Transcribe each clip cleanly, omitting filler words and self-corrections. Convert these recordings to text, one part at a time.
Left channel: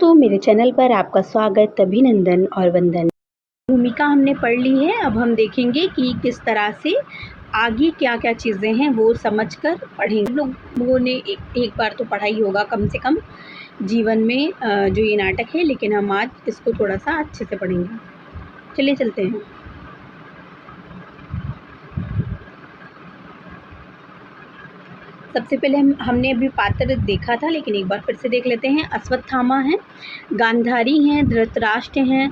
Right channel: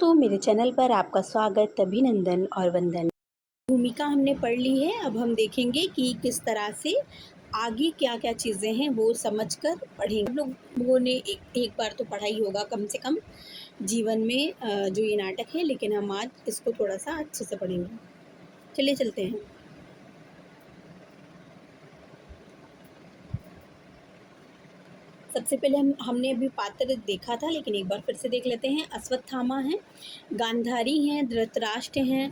तो मेरे चैनल पर आपका स्वागत, अभिनंदन और वंदन। भूमिका हमने पढ़ ली है। अब हम देखेंगे कि किस तरह से आगे क्या-क्या चीज़ें हैं वो समझकर पढ़ेंगे। लोगों ने एक बार तो पढ़ा ही होगा कम से कम जीवन में जो ये नाटक है, लेकिन हम आज इसको थोड़ा-सा अच्छे से पढ़ेंगे। चलिए चलते हैं। सबसे पहले हमने अभी पात्र देखा था, लेकिन एक बार फिर से देख लेते हैं। अश्वत्थामा हैं, गांधारी हैं, धृतराष्ट्र हैं,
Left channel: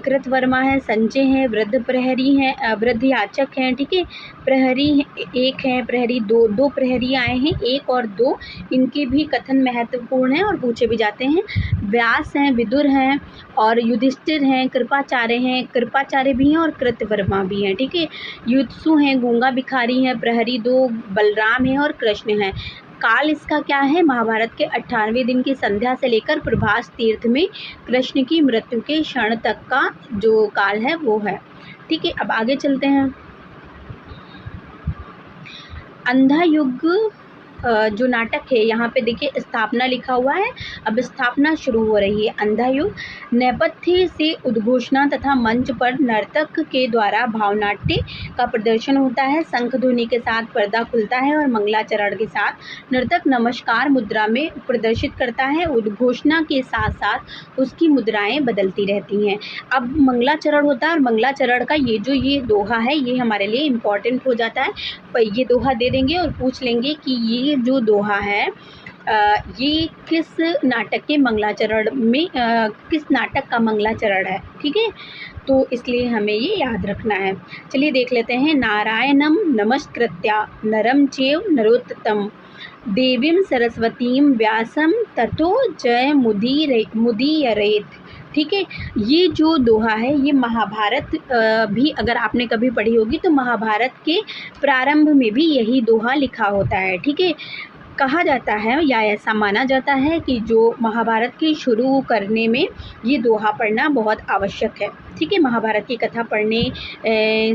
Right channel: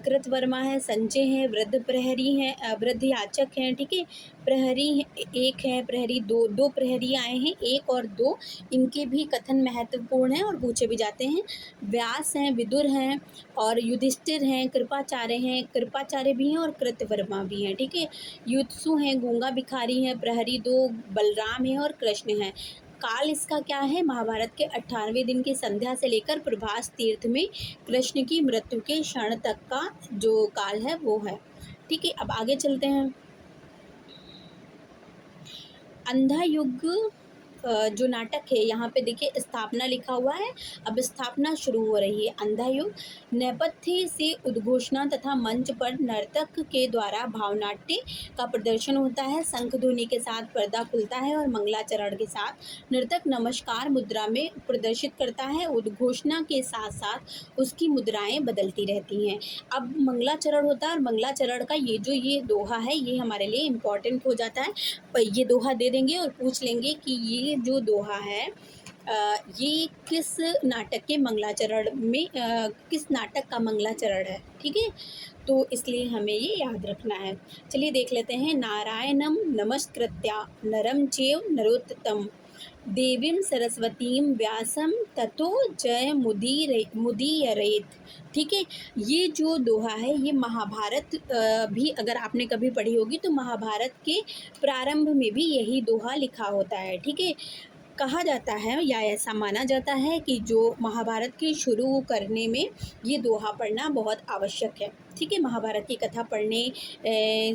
कृतवर्मा है, संजय हैं, वृद्ध प्रहरी हैं, वृद्ध याचक हैं, ठीक है। प्रहरी एक हैं, प्रहरी दो प्रहरी आए हैं, एक और दो। इनके भी कथन महत्वपूर्ण हैं और पूछे भी जाते हैं। व्यास हैं, विदुर हैं और युधिष्ठिर हैं, कृपाचार्य भी हैं और कृतवर्मा भी हैं, ठीक है। युत्सु हैं, गूंगा भिखारी हैं, प्रहरी दो बलराम हैं और कृष्ण हैं। काल इसका क्या है? महाभारत के 18वें दिन की संध्या से लेकर प्रभास तीर्थ में कृष्ण की मृत्यु के क्षण तक का जो काल है वो है, ठीक है। अब आगे चलते हैं। अंधा युग जो नाटक है, यहाँ पे देखिए स्थापना लिखा हुआ है। अब स्थापना शुरू हो रही है। अंधा युग नेपथ्य से उद्घोषणा तथा मंच पर नर्तक के द्वारा भावनाट्य का प्रदर्शन होता है। शंख ध्वनि के साथ पर्दा खुलता है और मंगलाचरण के साथ नर्तक नमस्कार मुद्रा में प्रदर्शित करता है। उद्घोषणा के साथ साथ उसकी मुद्राएं बदलती रहती हैं। अब मंगलाचरण होता है और मंगलाचरण का ये दोहा है, ये हमारे लिए इम्पॉर्टेंट हो जाता है। ये दोहा दे देंगे और पूछ लेंगे कि ये जो दोहा है ये किस नाटक के मंगलाचरण में किस नाटक का मंगलाचरण है, ठीक है। तो इसलिए हमें ये याद रखना है। चलिए देख लेते हैं। नारायणम नमस्कृत्या नरम चैव नरोत्तम देवीं सरस्वतीं व्यासं ततो जय मुदीरयेत्, ठीक है। ये जो दोहा है ये महाभारत भी अगर आपने कभी पढ़ी होगी तो महाभारत के प्रारंभ में भी यही दोहा लिखा होता है, ठीक है। कहा जाता है या ऐसा माना जाता है कि जो महाभारत की शुरू करने में ये दोहा पढ़ना बहुत आवश्यक है, ठीक है। महाभारत की कथा पढ़ने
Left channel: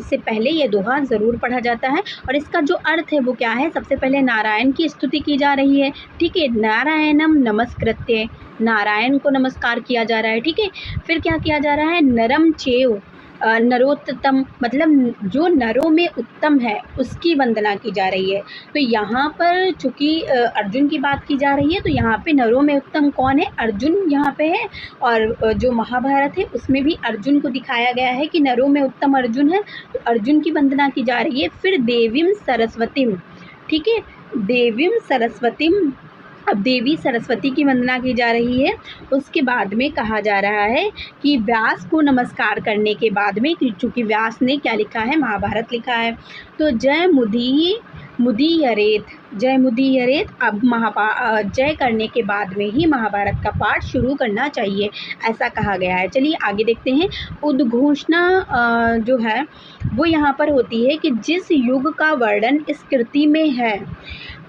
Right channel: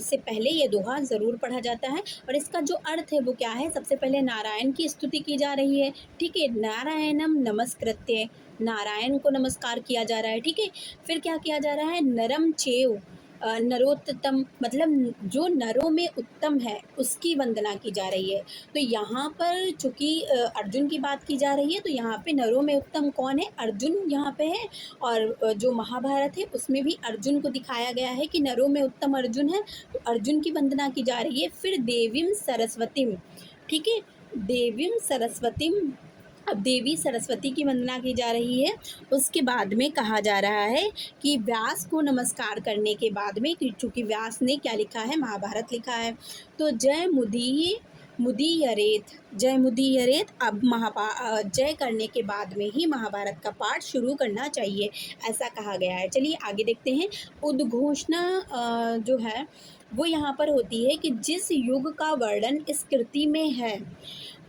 से पहले ये दोहा ज़रूर पढ़ा जाता है। और इसका जो अर्थ है वो क्या है? सबसे पहले नारायण की स्तुति की जा रही है, ठीक है। नारायणम नमस्कृत्य, नारायण को नमस्कार किया जा रहा है, ठीक है। फिर क्या किया जा रहा है? नरम चैव नरोत्तम, मतलब जो नरों में उत्तम है उसकी वंदना की जा रही है। तो यहाँ पर चूँकि अर्जुन की बात की जा रही है तो यहाँ पे नरों में उत्तम कौन है? अर्जुन यहाँ पे है। और जो महाभारत है उसमें भी अर्जुन को दिखाया गया है कि नरों में उत्तम अर्जुन है, तो अर्जुन की वंदना की जा रही है। फिर देवीं सरस्वतीं, ठीक है। देवीं सरस्वतीं, अब देवी सरस्वती की वंदना की जा रही है। उसके बाद में कहा जा रहा है कि व्यास को नमस्कार करने के बाद में, चूँकि व्यास ने क्या लिखा है? महाभारत लिखा है। तो जय मुदीरयेत्, जय मुदीरयेत्। अब जय करने के बाद में ही महाभारत का पाठ शुरू करना चाहिए, ऐसा कहा गया है। चलिए आगे देखते हैं। उद्घोषणा जो है वो यहाँ पर होती है कि जिस युग का वर्णन इस कृति में है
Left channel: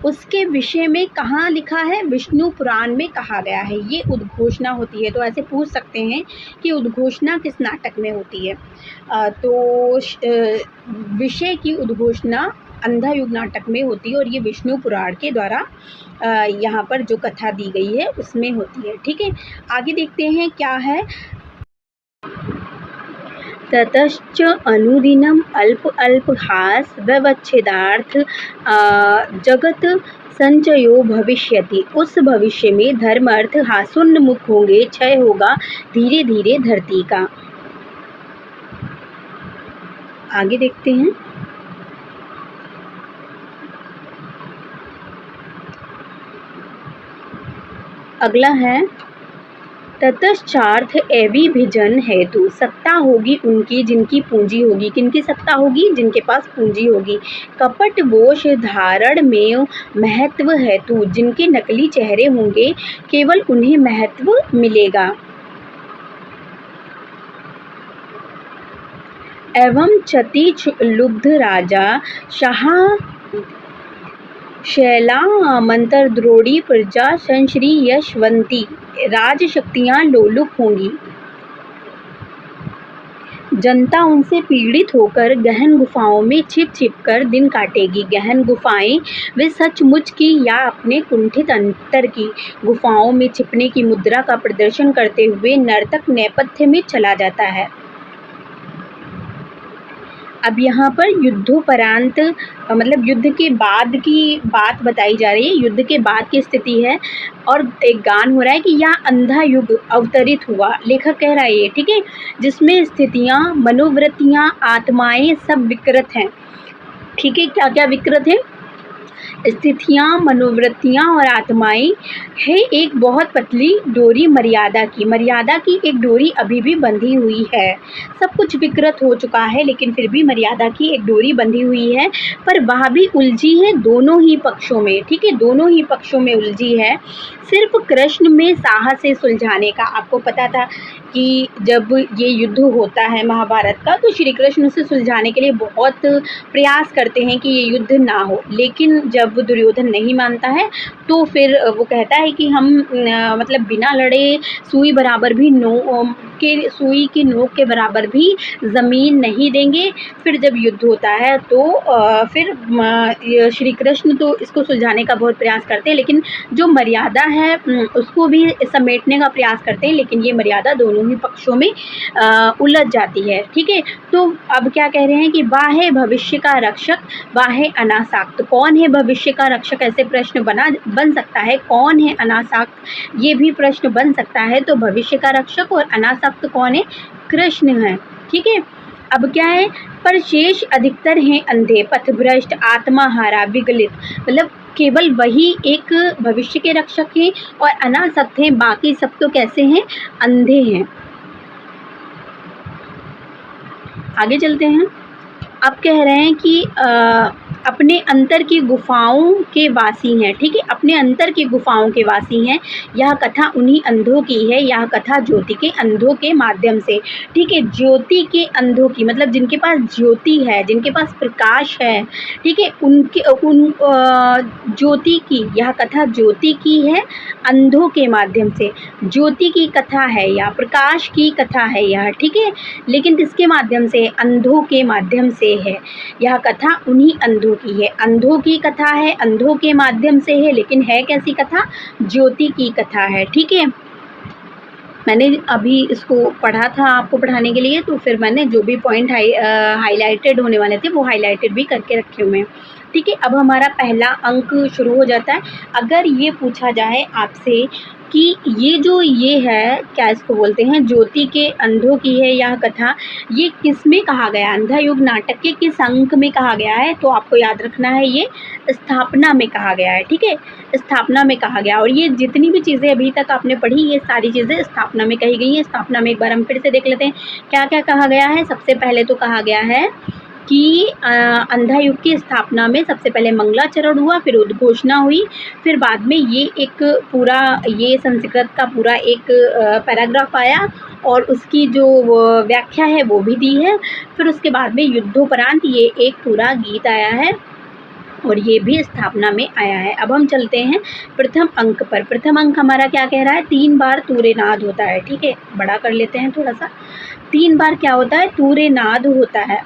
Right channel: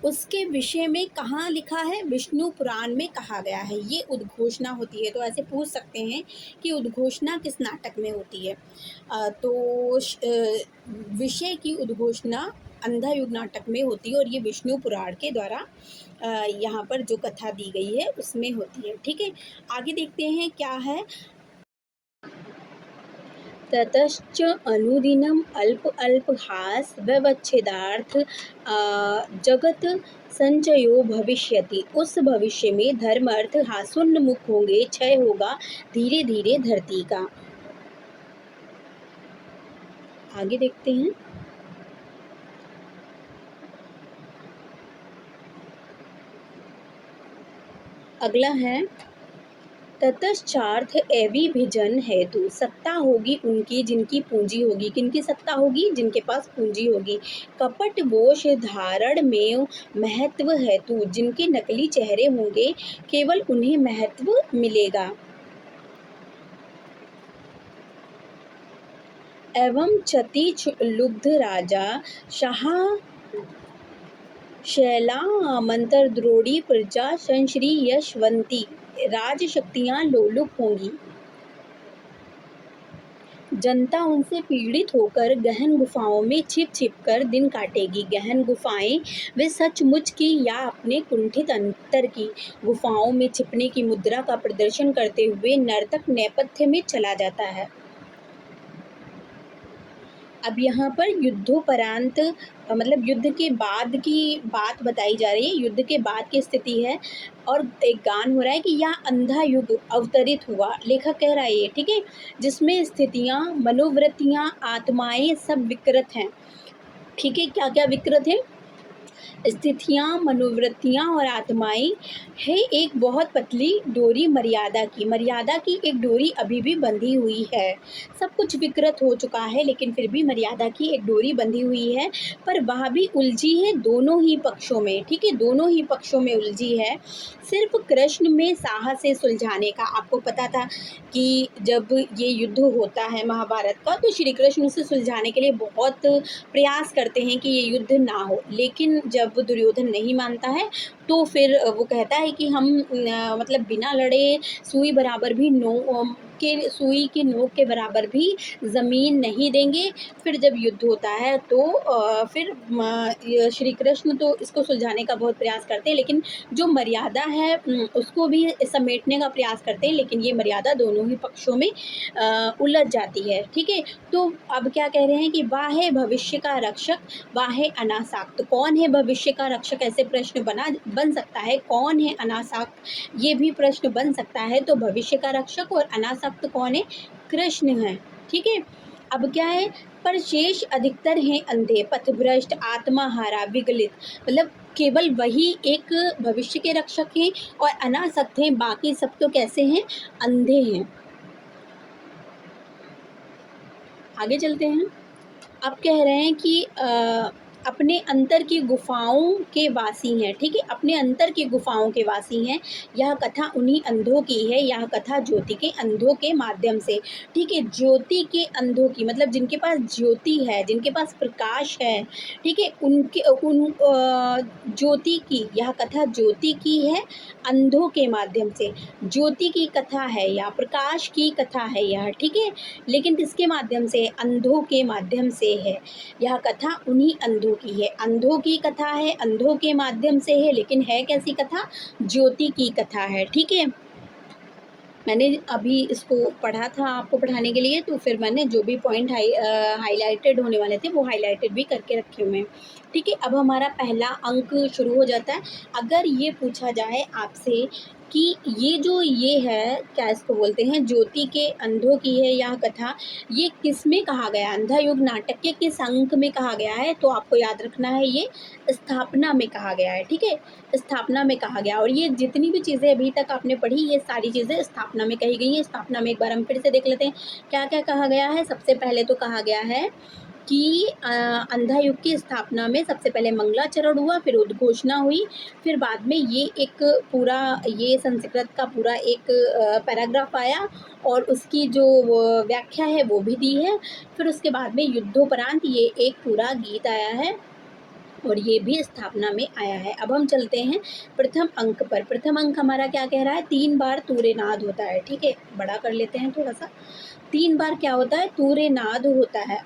उसके विषय में कहाँ लिखा है? विष्णु पुराण में कहा गया है, ये उद्घोषणा होती है। तो ऐसे पूछ सकते हैं कि उद्घोषणा किस नाटक में होती है? विषय की उद्घोषणा अंधा युग नाटक में होती है और ये विष्णु पुराण के द्वारा यहाँ पर जो कथा दी गई है उसमें होती है, ठीक है। आगे देखते हैं क्या है। ततश्च अनुदिनम् अल्पहास व्यवच्छेदार्थ जगत संचयो भविष्यति। उस भविष्य में धर्म अर्थ हासोन्मुख होंगे, क्षय होगा धीरे धीरे धरती का। आगे देखते हैं। अगला है ततश्चार्थ एविभिजन हेतु, सत्ता होगी उनकी जिनकी पूंजी होगी। किनकी सत्ता होगी? जिनके पास पूंजी होगी। कपट वोश धारण में महत्व हेतु, जिनके नकली चेहरे होंगे केवल उन्हें महत्व मिलेगा। एवं क्षति लुब्ध राजा शाह शैलामंतरद्रोणी प्रजा संश्री यशवंती, राजशक्तियाँ लोलुप होंगी। जनता उनसे पीड़ित होकर गहन गुफाओं में छिप छिप कर दिन काटेगी। गहन गुफाएं वे सचमुच की या अपने कुंठित अंतर की। गुफाओं में छिपने की मुद्रा का प्रदर्शन करते हुए नर्तक नेपथ्य में चला जाता है। अब यहाँ पर युद्धोपरांत मतलब युद्ध के बाद की बात बताई जा रही है, युद्ध के बाद की स्थिति है और एक गान हो रहा है कि यह अंधा युग अवतरित हुआ। लेखक कह रहा है ये, ठीक है, जिसमें स्थितियाँ, मनोवृत्तियाँ, आत्माएं सब विकृत हैं। ठीक है, क्या क्या विकृत है? स्थितियाँ, मनोवृत्तियाँ और आत्माएं है एक बहुत पतली डोरी मर्यादा की। मर्यादा की एक डोरी अभी भी बंधी हुई है। सब कुछ विकृत हो चुका है लेकिन फिर भी मर्यादा की एक डोरी बंधी हुई है, पर वह भी उलझी है दोनों ही पक्षों में। ठीक है, दोनों ही पक्षों में उलझी है। सिर्फ कृष्ण में साहस से सुलझाने का। आपको पता था कि जब ये युद्ध होता है महाभारत का तो श्री कृष्ण उसे सुलझाने के लिए बहुत प्रयास करते हैं कि ये युद्ध ना हो, लेकिन जब दुर्योधन नहीं मानता है तो फिर वो कहता है कि हम मतलब बिना लड़े सुई बराबर भी सुई की नोक के बराबर भी ज़मीन नहीं देंगे। फिर जब युद्ध होता है तो फिर श्री कृष्ण तो इसको सुलझाने का बहुत प्रयास करते हैं, लेकिन जो मर्यादा है उसको भी समेटने का प्रयास करते हैं, लेकिन ये मर्यादा दोनों ही पक्षों में उलझ जाती है। ठीक है, तो अब क्या कह रहे हैं कि वाह है भविष्य का रक्षक, वाह है अनासक्त। कौन है भविष्य का रक्षक, ऐसे प्रश्न बन सकता है। कौन है अनासक्त, ये भी प्रश्न बन सकता है। तो भविष्य का रक्षक और अनासक्त कौन है? कृष्ण है। ठीक है, अब क्या है? पर शेष अधिकतर हैं अंधे, पथभ्रष्ट, आत्माहारा, विगलित। मतलब केवल वही एक भविष्य के रक्षक हैं और अनासक्त हैं, बाकी सब तो कैसे हैं? अंधे हैं। आगे चलते हैं। अब कह रहे हैं कि अपने अंतर की गुफाओं के वासी हैं। ठीक है, अपने अंतर की गुफाओं के वासी हैं। यह कथा उन्हीं अंधों की है, यह कथा ज्योति के अंधों के माध्यम से। ठीक है, ज्योति के अंधों की मतलब जिनके पास ज्योति है, जिनके पास प्रकाश है। ठीक है, ज्योति की, यह कथा ज्योति की है अंधों के माध्यम से। ज्योति की कथा है या प्रकाश की कथा है यह। ठीक है, लेकिन किसके माध्यम से? अंधों के माध्यम से है। यह कथा उन्हीं अंधों की है, अंधों की कथा है, अंधों के माध्यम से है, लेकिन है कैसी कथा? ज्योति की कथा है। ठीक है, मैंने अभी इसको पढ़ा था आपको पढ़ाने के लिए, तो फिर मैंने जो भी पॉइंट हाईलाइटेड होने वाले थे वो हाईलाइटेड भी करके रखे हुए हैं। ठीक है, अब हमारा पहला अंक शुरू हो जाता है। अगर ये पूछा जाए आपसे कि ये है, क्या इसको बोलते हैं, ज्योति के अंधों की है यह कथा, ये किस में कहा गया? अंधा युग नाटक के किस अंक में कहा गया है? तो आपको याद रखना है ये स्थापना में कहा गया है। ठीक है, स्थापना में कहा गया। और ये जितनी भी चीज़ें अभी तक आपने पढ़ी, ये सारी चीज़ें स्थापना में कही गई हैं। स्थापना में एक बार हम फिर से देख लेते हैं क्या क्या कहा गया है। सबसे पहले तो कहा गया है कि अंधा युग की स्थापना में सबसे पहले मंगलाचरण हुआ, फिर उद्घोषणा हुई, फिर बाद में ये एक पूरा ये संस्कृत का पूरा एक पैराग्राफ आया और उसकी जो व्याख्या है वो भी दी है। फिर उसके बाद में युद्धोपरांत ये एक पूरा गीत आया है और ये भी स्थापना में आया है। अब हम चलते हैं प्रथम अंक पर। प्रथम अंक हमारा क्या कह रहा है? 3 बार तूर्यनाद होता है। ठीक है, बड़ा कर लेते हैं थोड़ा सा। 3 बार क्या होता है? तूर्यनाद होता है।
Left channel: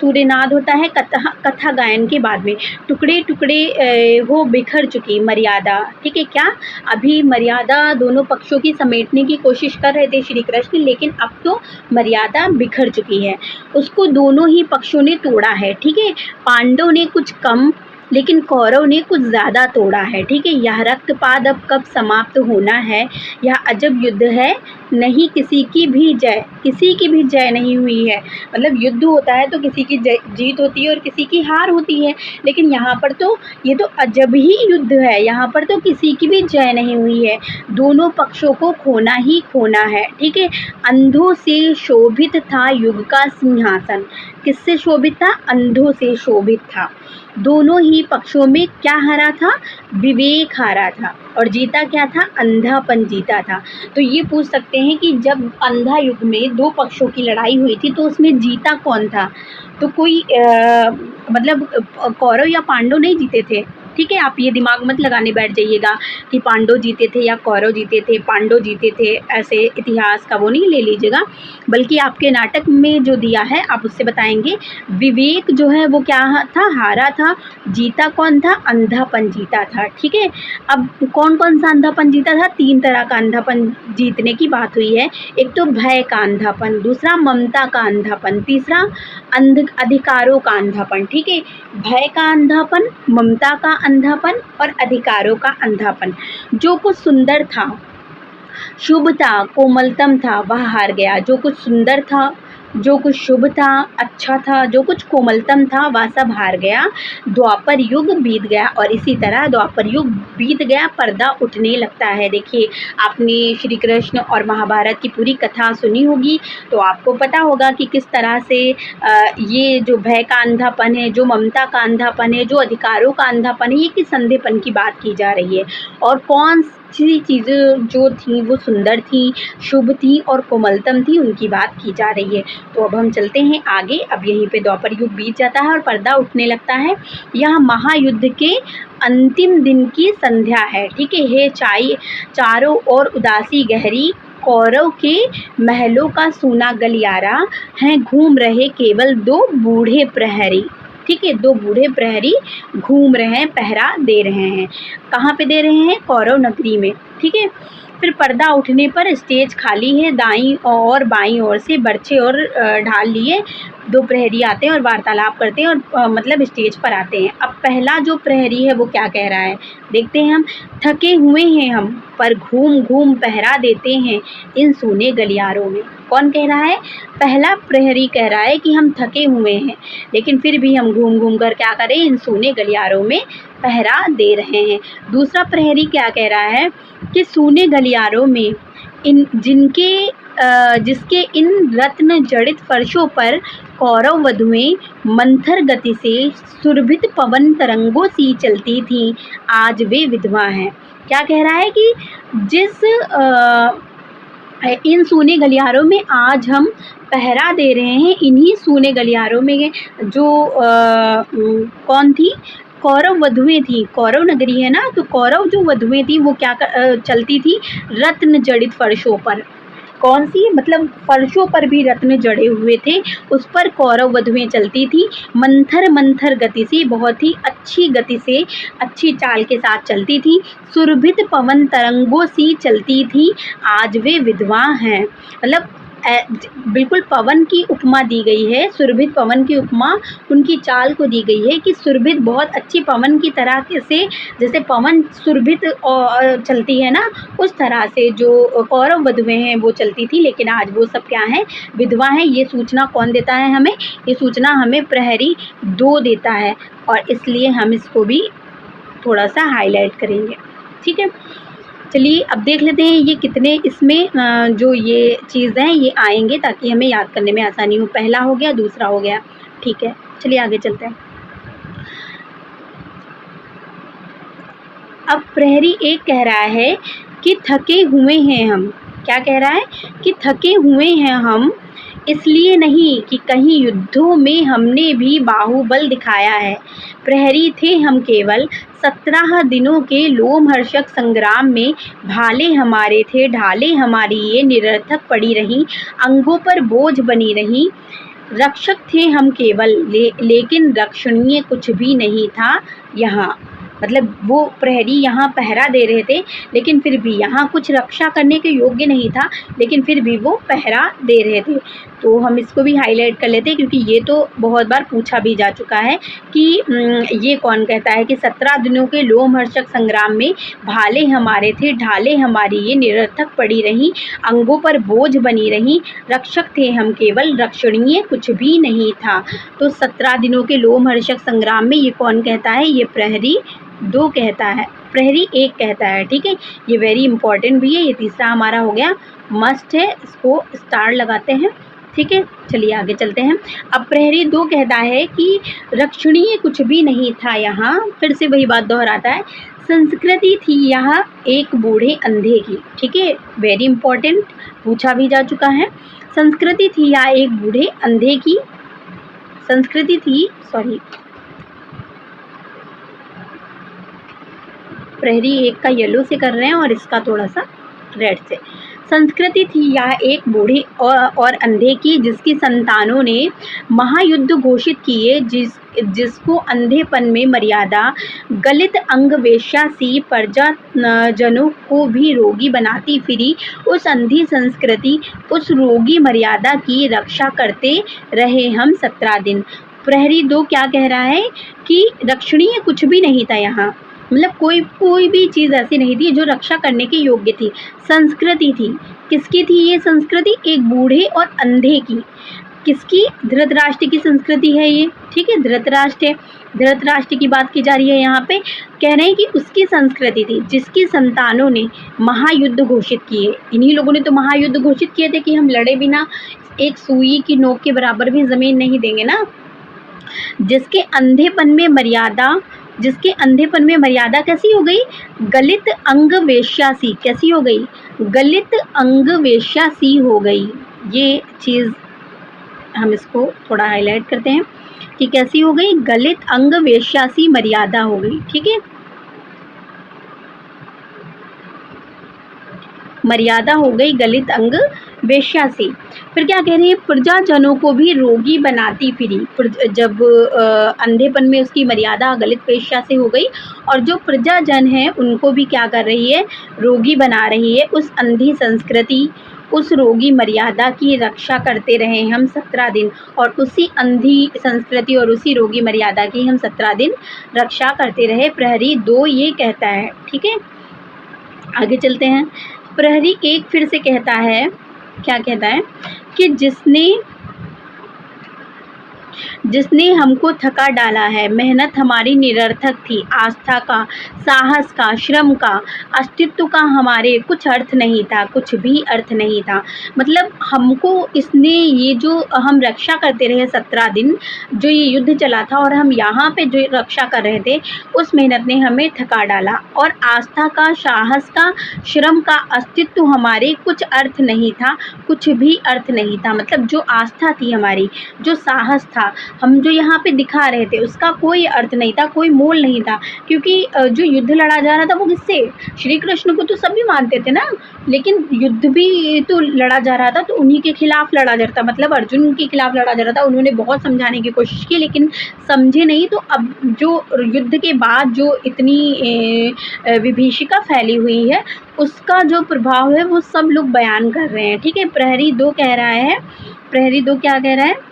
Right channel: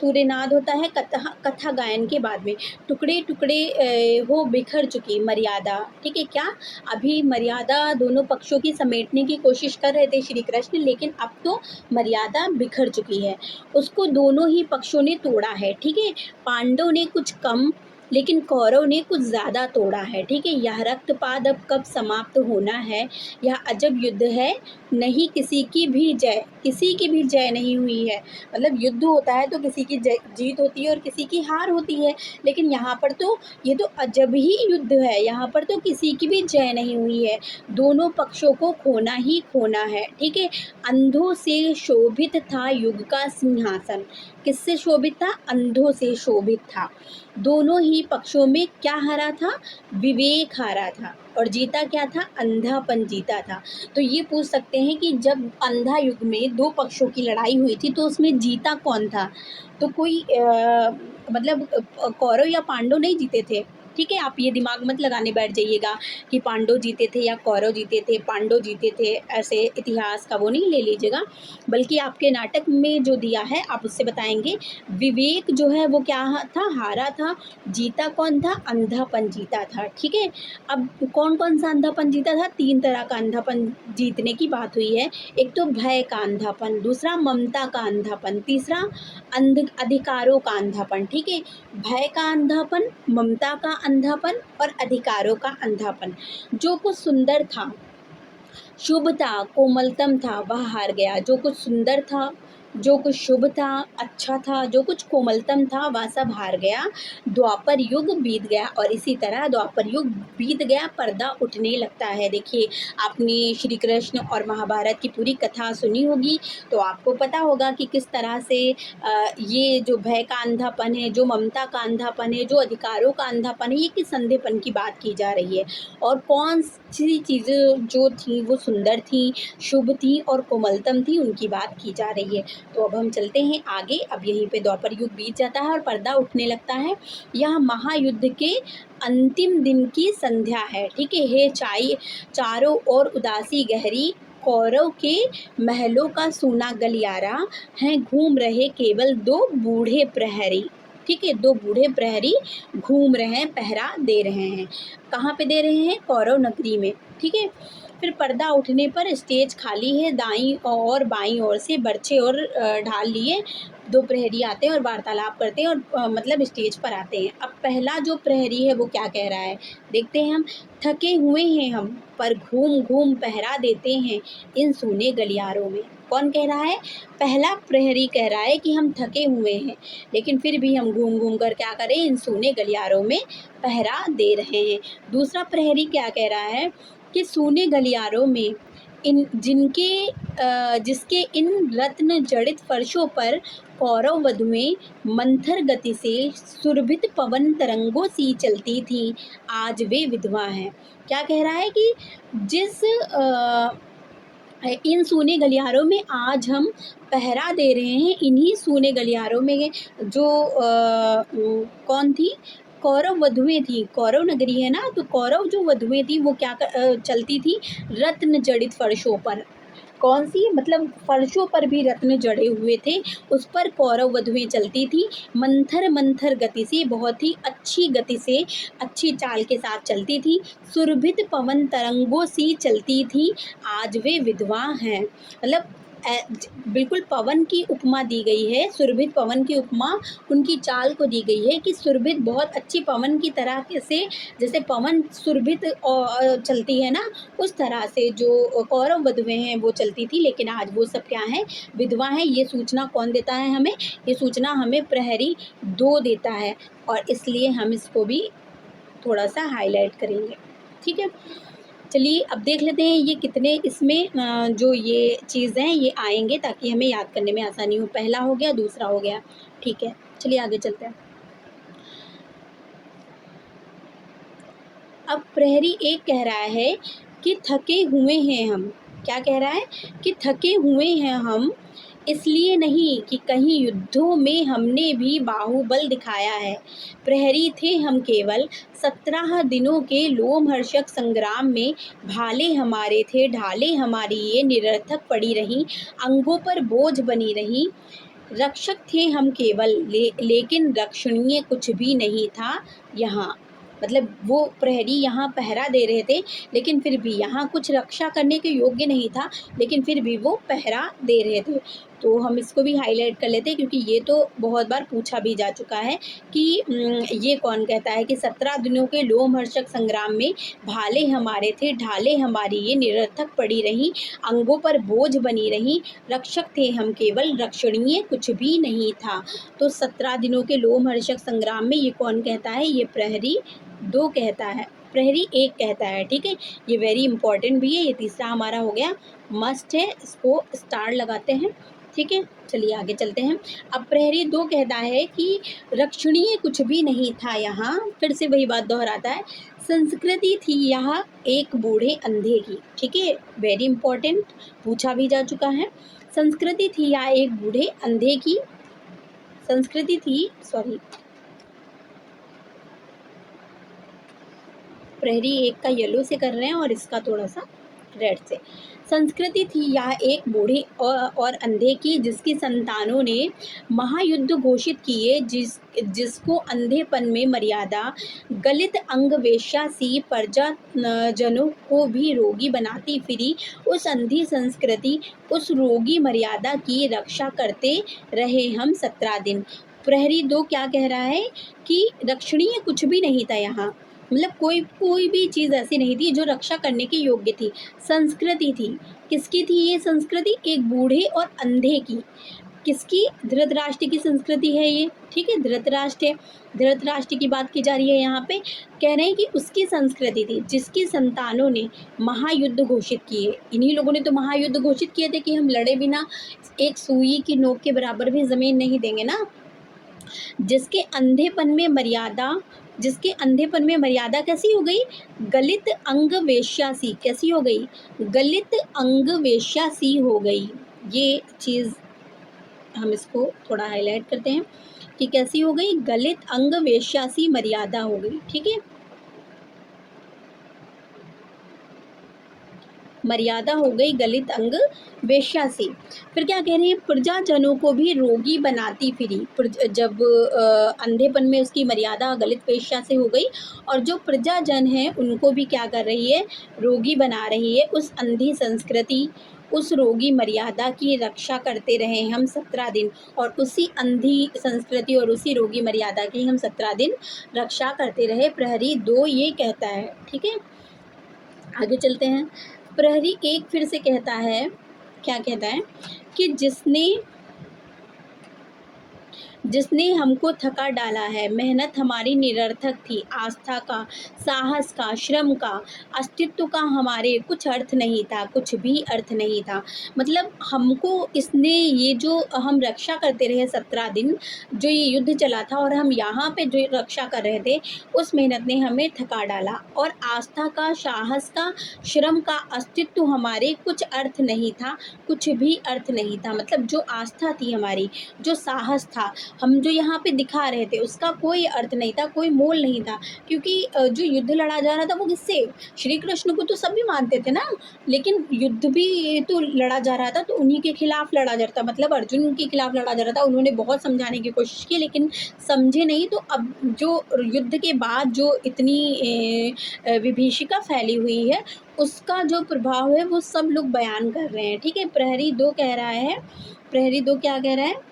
तूर्यनाद होता है कथा गायन के बाद में। टुकड़े टुकड़े हो बिखर चुकी मर्यादा। ठीक है, क्या अभी मर्यादा दोनों पक्षों की समेटने की कोशिश कर रहे थे श्री कृष्ण, लेकिन अब तो मर्यादा बिखर चुकी है, उसको दोनों ही पक्षों ने तोड़ा है। ठीक है, पांडव ने कुछ कम लेकिन कौरव ने कुछ ज़्यादा तोड़ा है। ठीक है, यह रक्तपात अब कब समाप्त होना है? यह अजब युद्ध है, नहीं किसी की भी जय, किसी की भी जय नहीं हुई है। मतलब युद्ध होता है तो किसी की जीत होती है और किसी की हार होती है, लेकिन यहाँ पर तो ये तो अजब ही युद्ध है, यहाँ पर तो किसी की भी जय नहीं हुई है, दोनों पक्षों को खोना ही खोना है। ठीक है, अंधों से शोभित था युग का सिंहासन। किससे शोभित था? अंधों से शोभित था। दोनों ही पक्षों में क्या हारा था? विवेक हारा था। और जीता क्या था? अंधापन जीता था। तो ये पूछ सकते हैं कि जब अंधा युग में 2 पक्षों की लड़ाई हुई थी तो उसमें जीता कौन था? तो कोई मतलब कौरव या पांडव नहीं जीते थे। ठीक है। आप ये दिमाग मत लगाने बैठ जाइएगा कि पांडव जीते थे या कौरव जीते थे, पांडव जीते थे, ऐसे इतिहास का वो नहीं ले लीजिएगा, बल्कि आपके नाटक में जो दिया है आप उससे बताएंगे। विवेक जो है वो क्या था, हारा था, जीता कौन था, अंधापन जीता था, ठीक है। अब कौन कौन सा अंधापन जीता था, 3 तरह का अंधापन जीतने की बात हुई है। एक तो भय का अंधापन, दूसरा ममता का अंधापन, तीसरा अधिकारों का अंधापन, ठीक है। भय का अंधापन, ममता का अंधापन और अधिकारों का अंधापन। जो कुछ सुंदर था, शुभ था, कोमलतम था, वह हार गया। जो कुछ सुंदर था, जो कुछ शुभ था, अच्छा था, जो कुछ कोमलतम था, वह सब हार गया। द्वापर युग बीत गया और इसी तरह द्वापर युग बीत गया, पर्दा उठने लगता है। देखिए, आपने श्री कृष्ण और महाभारत की पूरी कथा सुनी होगी, तो आपको पता होगा कि किस तरह से ये जो भय का अंधापन है, जो ममता का अंधापन है, जो अधिकारों का अंधापन है, ये किस अंधेपन की बात की जा रही है और कौन सी चीज़ें जो थी वो सुंदर थी, शुभ थी और कोमलतम थी, उनकी बात की जा रही है। तो अब हम चलते हैं आगे। अब यहीं पे द्वापर युग बीत जाता है और पर्दा उठने लगता है। यह महायुद्ध के अंतिम दिन की संध्या है, ठीक है। चारों ओर उदासी गहरी, कौरव के महलों का सूना गलियारा, हैं घूम रहे केवल 2 बूढ़े प्रहरी, ठीक है। 2 बूढ़े प्रहरी घूम रहे हैं, पहरा दे रहे हैं। कहाँ पे दे रहे हैं, कौरव नगरी में, ठीक है। फिर पर्दा उठने पर स्टेज खाली है, दाईं और बाईं ओर से बर्छे और ढाल लिए 2 प्रहरी आते हैं और वार्तालाप करते हैं और मतलब स्टेज पर आते हैं। अब पहला जो प्रहरी है वो क्या कह रहा है, देखते हैं हम। थके हुए हैं हम, पर घूम घूम पहरा देते हैं इन सूने गलियारों में। कौन कह रहा है, पहला प्रहरी कह रहा है कि हम थके हुए हैं, लेकिन फिर भी हम घूम घूम कर क्या करें, इन सूने गलियारों में पहरा दे रहे हैं। दूसरा प्रहरी क्या कह रहा है कि सूने गलियारों में जिसके इन रत्न जड़ित फर्शों पर कौरव वधुएं मंथर गति से सुरभित पवन तरंगों सी चलती थीं, आज वे विधवा हैं। क्या कह रहा है कि जिस इन सूने गलियारों में आज हम पहरा दे रहे हैं, इन्हीं सूने गलियारों में जो कौन थी, कौरव वधुएं थी। कौरव नगरी है ना, तो कौरव जो वधुएं थी वो क्या चलती थी, रत्न जड़ित फर्शों पर। कौन सी, मतलब फर्शों पर भी रत्न जड़े हुए थे, उस पर कौरव वधुएं चलती थी, मंथर मंथर गति से, बहुत ही अच्छी गति से, अच्छी चाल के साथ चलती थी। सुरभित पवन तरंगों सी चलती थी, आज वे विधवा हैं। मतलब बिल्कुल पवन की उपमा दी गई है, सुरभित पवन की उपमा उनकी चाल को दी गई है कि सुरभित, बहुत अच्छी पवन की तरह से, जैसे पवन सुरभित चलती है ना, उस तरह से जो कौरव वधुएं हैं वो चलती थी, लेकिन आज वो सब क्या है, विधवा हैं। ये सूचना कौन देता है हमें, ये सूचना हमें प्रहरी 2 देता है और इसलिए हम इसको भी थोड़ा सा हाईलाइट करेंगे, ठीक है। चलिए अब देख लेते हैं ये कितने इसमें जो ये चीज़ हैं ये आएंगे, ताकि हमें याद करने में आसानी हो। पहला हो गया, दूसरा हो गया, ठीक है। चलिए आगे चलते हैं। अब प्रहरी 1 कह रहा है कि थके हुए हैं हम। क्या कह रहा है कि थके हुए हैं हम, इसलिए नहीं कि कहीं युद्धों में हमने भी बाहुबल दिखाया है। प्रहरी थे हम केवल 17 दिनों के लोमहर्षक संग्राम में, भाले हमारे थे, ढाले हमारी ये निरर्थक पड़ी रहीं, अंगों पर बोझ बनी रहीं। रक्षक थे हम केवल, लेकिन रक्षणीय कुछ भी नहीं था यहाँ। मतलब वो प्रहरी यहाँ पहरा दे रहे थे, लेकिन फिर भी यहाँ कुछ रक्षा करने के योग्य नहीं था, लेकिन फिर भी वो पहरा दे रहे थे। तो हम इसको भी हाईलाइट कर लेते हैं, क्योंकि ये तो बहुत बार पूछा भी जा चुका है कि ये कौन कहता है कि 17 दिनों के लोमहर्षक संग्राम में भाले हमारे थे, ढाले हमारी ये निरर्थक पड़ी रहीं, अंगों पर बोझ बनी रहीं, रक्षक थे हम केवल, रक्षणीय कुछ भी नहीं था। तो 17 दिनों के लोमहर्षक संग्राम में ये कौन कहता है, ये प्रहरी 2 कहता है, प्रहरी 1 कहता है, ठीक है। ये वेरी इंपॉर्टेंट भी है। ये तीसरा हमारा हो गया, मस्ट है, इसको स्टार लगाते हैं, ठीक है। चलिए आगे चलते हैं। अब प्रहरी 2 कहता है कि रक्षणीय कुछ भी नहीं था यहाँ, फिर से वही बात दोहराता है, संस्कृति थी यहाँ एक बूढ़े अंधे की, ठीक है। वेरी इंपॉर्टेंट, पूछा भी जा चुका है। संस्कृति थी यहाँ एक बूढ़े अंधे की, संस्कृति थी, सॉरी, प्रहरी एक का येलो से कर रहे हैं और इसका थोड़ा सा रेड से। संस्कृति थी यह एक बूढ़े और अंधे की, जिसकी संतानों ने महायुद्ध घोषित किए, जिसको अंधेपन में मर्यादा, गलित अंग वेश्या सी प्रजा जनों को भी रोगी बनाती फिरी। उस अंधी संस्कृति, उस रोगी मर्यादा की रक्षा करते रहे हम 17 दिन। प्रहरी 2 क्या कह रहा है कि रक्षणीय कुछ भी नहीं था यहाँ, मतलब कोई भी चीज़ ऐसी नहीं थी जो रक्षा करने के योग्य थी। संस्कृति थी, किसकी थी ये संस्कृति? एक बूढ़े और अंधे की। किसकी? धृतराष्ट्र की संस्कृति है ये, ठीक है, धृतराष्ट्र है। धृतराष्ट्र की बात की जा रही है यहाँ पे। कह रहे हैं कि उसकी संस्कृति थी जिसकी संतानों ने महायुद्ध घोषित किए। इन्हीं लोगों ने तो महायुद्ध घोषित किए थे कि हम लड़े बिना एक सुई की नोक के बराबर भी ज़मीन नहीं देंगे ना। जिसके अंधेपन में मर्यादा कैसी हो गई? गलित अंग वेश्या सी। कैसी हो गई? गलित अंग वेश्या सी हो गई। ये चीज़ हम इसको थोड़ा हाईलाइट करते हैं कि कैसी हो गई? गलित अंग वेश्या सी मर्यादा हो गई, ठीक है, मर्यादा हो गई गलित अंग वेश्या सी। फिर क्या कह रहे हैं? प्रजाजनों को भी रोगी बनाती फिरी। जब अंधेपन में उसकी मर्यादा गलित वेश्या से हो गई, और जो प्रजाजन है उनको भी क्या कर रही है? रोगी बना रही है। उस अंधी संस्कृति, उस रोगी मर्यादा की रक्षा करते रहे हम 17 दिन, और उसी अंधी संस्कृति और उसी रोगी मर्यादा की हम 17 दिन रक्षा करते रहे। प्रहरी 2 ये कहता है, ठीक है। आगे चलते हैं। प्रहरी 1 फिर से कहता है, क्या कहता है कि जिसने हमको थका डाला है। मेहनत हमारी निरर्थक थी, आस्था का, साहस का, श्रम का, अस्तित्व का हमारे कुछ अर्थ नहीं था, कुछ भी अर्थ नहीं था। मतलब हमको इसने, ये जो हम रक्षा करते रहे 17 दिन, जो ये युद्ध चला था और हम यहाँ पे जो रक्षा कर रहे थे, उस मेहनत ने हमें थका डाला। और आस्था का, साहस का, श्रम का, अस्तित्व हमारे कुछ अर्थ नहीं था, कुछ भी अर्थ नहीं था। मतलब जो आस्था थी हमारी, जो साहस था, हम जो यहाँ पे दिखा रहे थे, उसका कोई अर्थ नहीं था, कोई मोल नहीं था। क्योंकि जो युद्ध लड़ा जा रहा था वो किससे? श्री कृष्ण को तो सभी मानते थे ना, लेकिन युद्ध भी तो लड़ा जा रहा था तो उन्हीं के खिलाफ लड़ा जा रहा था, मतलब अर्जुन के खिलाफ लड़ा जा रहा था। उन्होंने बहुत समझाने की कोशिश की लेकिन समझे नहीं। तो अब जो युद्ध के बाद जो इतनी विभीषिका फैली हुई है, उसका जो प्रभाव है वो सब लोग बयान कर रहे हैं, ठीक है। प्रहरी 2 कह रहा है, प्रहरी 2 क्या कह रहा है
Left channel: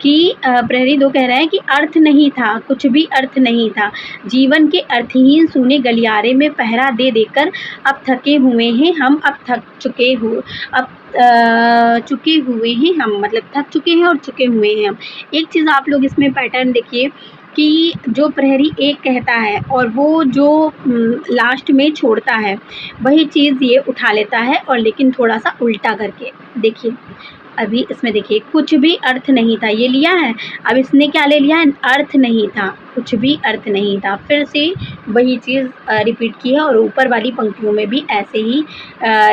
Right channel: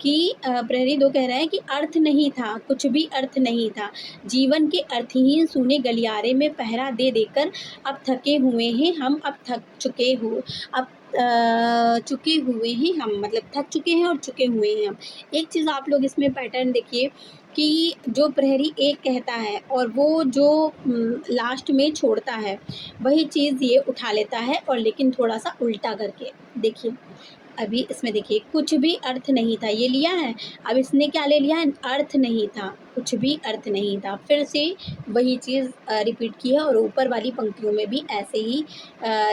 कि प्रहरी 2 कह रहा है कि अर्थ नहीं था, कुछ भी अर्थ नहीं था। जीवन के अर्थहीन सूने गलियारे में पहरा दे देकर अब थके हुए हैं हम, अब चुके हुए हैं हम, मतलब थक चुके हैं और चुके हुए हैं हम। एक चीज़ आप लोग इसमें पैटर्न देखिए कि जो प्रहरी 1 कहता है और वो जो लास्ट में छोड़ता है, वही चीज़ ये उठा लेता है, और लेकिन थोड़ा सा उल्टा करके देखिए। अभी इसमें देखिए, कुछ भी अर्थ नहीं था, ये लिया है। अब इसने क्या ले लिया है? अर्थ नहीं था, कुछ भी अर्थ नहीं था। फिर से वही चीज़ रिपीट की है, और ऊपर वाली पंक्तियों में भी ऐसे ही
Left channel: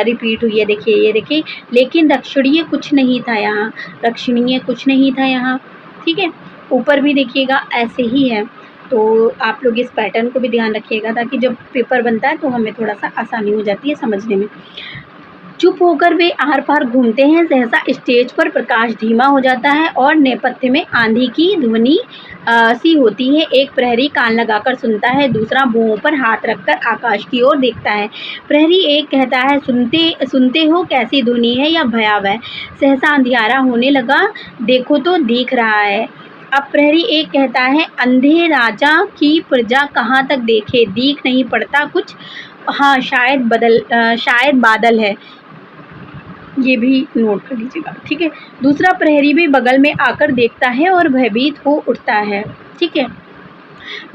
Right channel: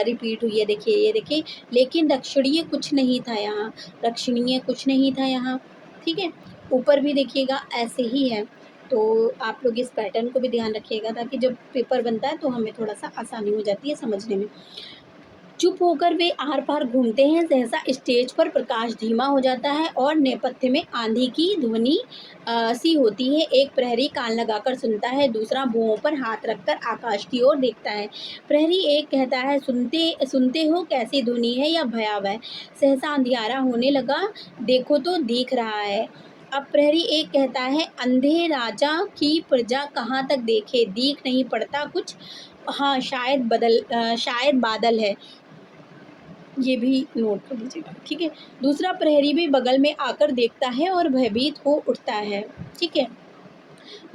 रिपीट हुई है। देखिए, ये देखिए, लेकिन रक्षणीय कुछ नहीं था यहाँ, रक्षणीय कुछ नहीं था यहाँ, ठीक है। ऊपर भी देखिएगा ऐसे ही है। तो आप लोग इस पैटर्न को भी ध्यान रखिएगा, ताकि जब पेपर बनता है तो हमें थोड़ा सा आसानी हो जाती है समझने में। चुप होकर वे आर पार घूमते हैं, सहसा स्टेज पर प्रकाश धीमा हो जाता है और नेपथ्य में आंधी की ध्वनि सी होती है। एक प्रहरी कान लगाकर सुनता है, दूसरा भुओं पर हाथ रखकर आकाश की ओर देखता है। प्रहरी 1 कहता है, सुनते हो कैसी ध्वनि है या भयावह? सहसा अंधियारा होने लगा, देखो तो दिख रहा है। अब प्रहरी 1 कहता है, अंधे राजा की प्रजा कहाँ तक देखे, दिख नहीं पड़ता कुछ। हाँ, शायद बादल है, ये भी नोट कर लीजिएगा, ठीक है। दूसरा प्रहरी भी बगल में आकर देखता है और भयभीत हो उठता है, ठीक है।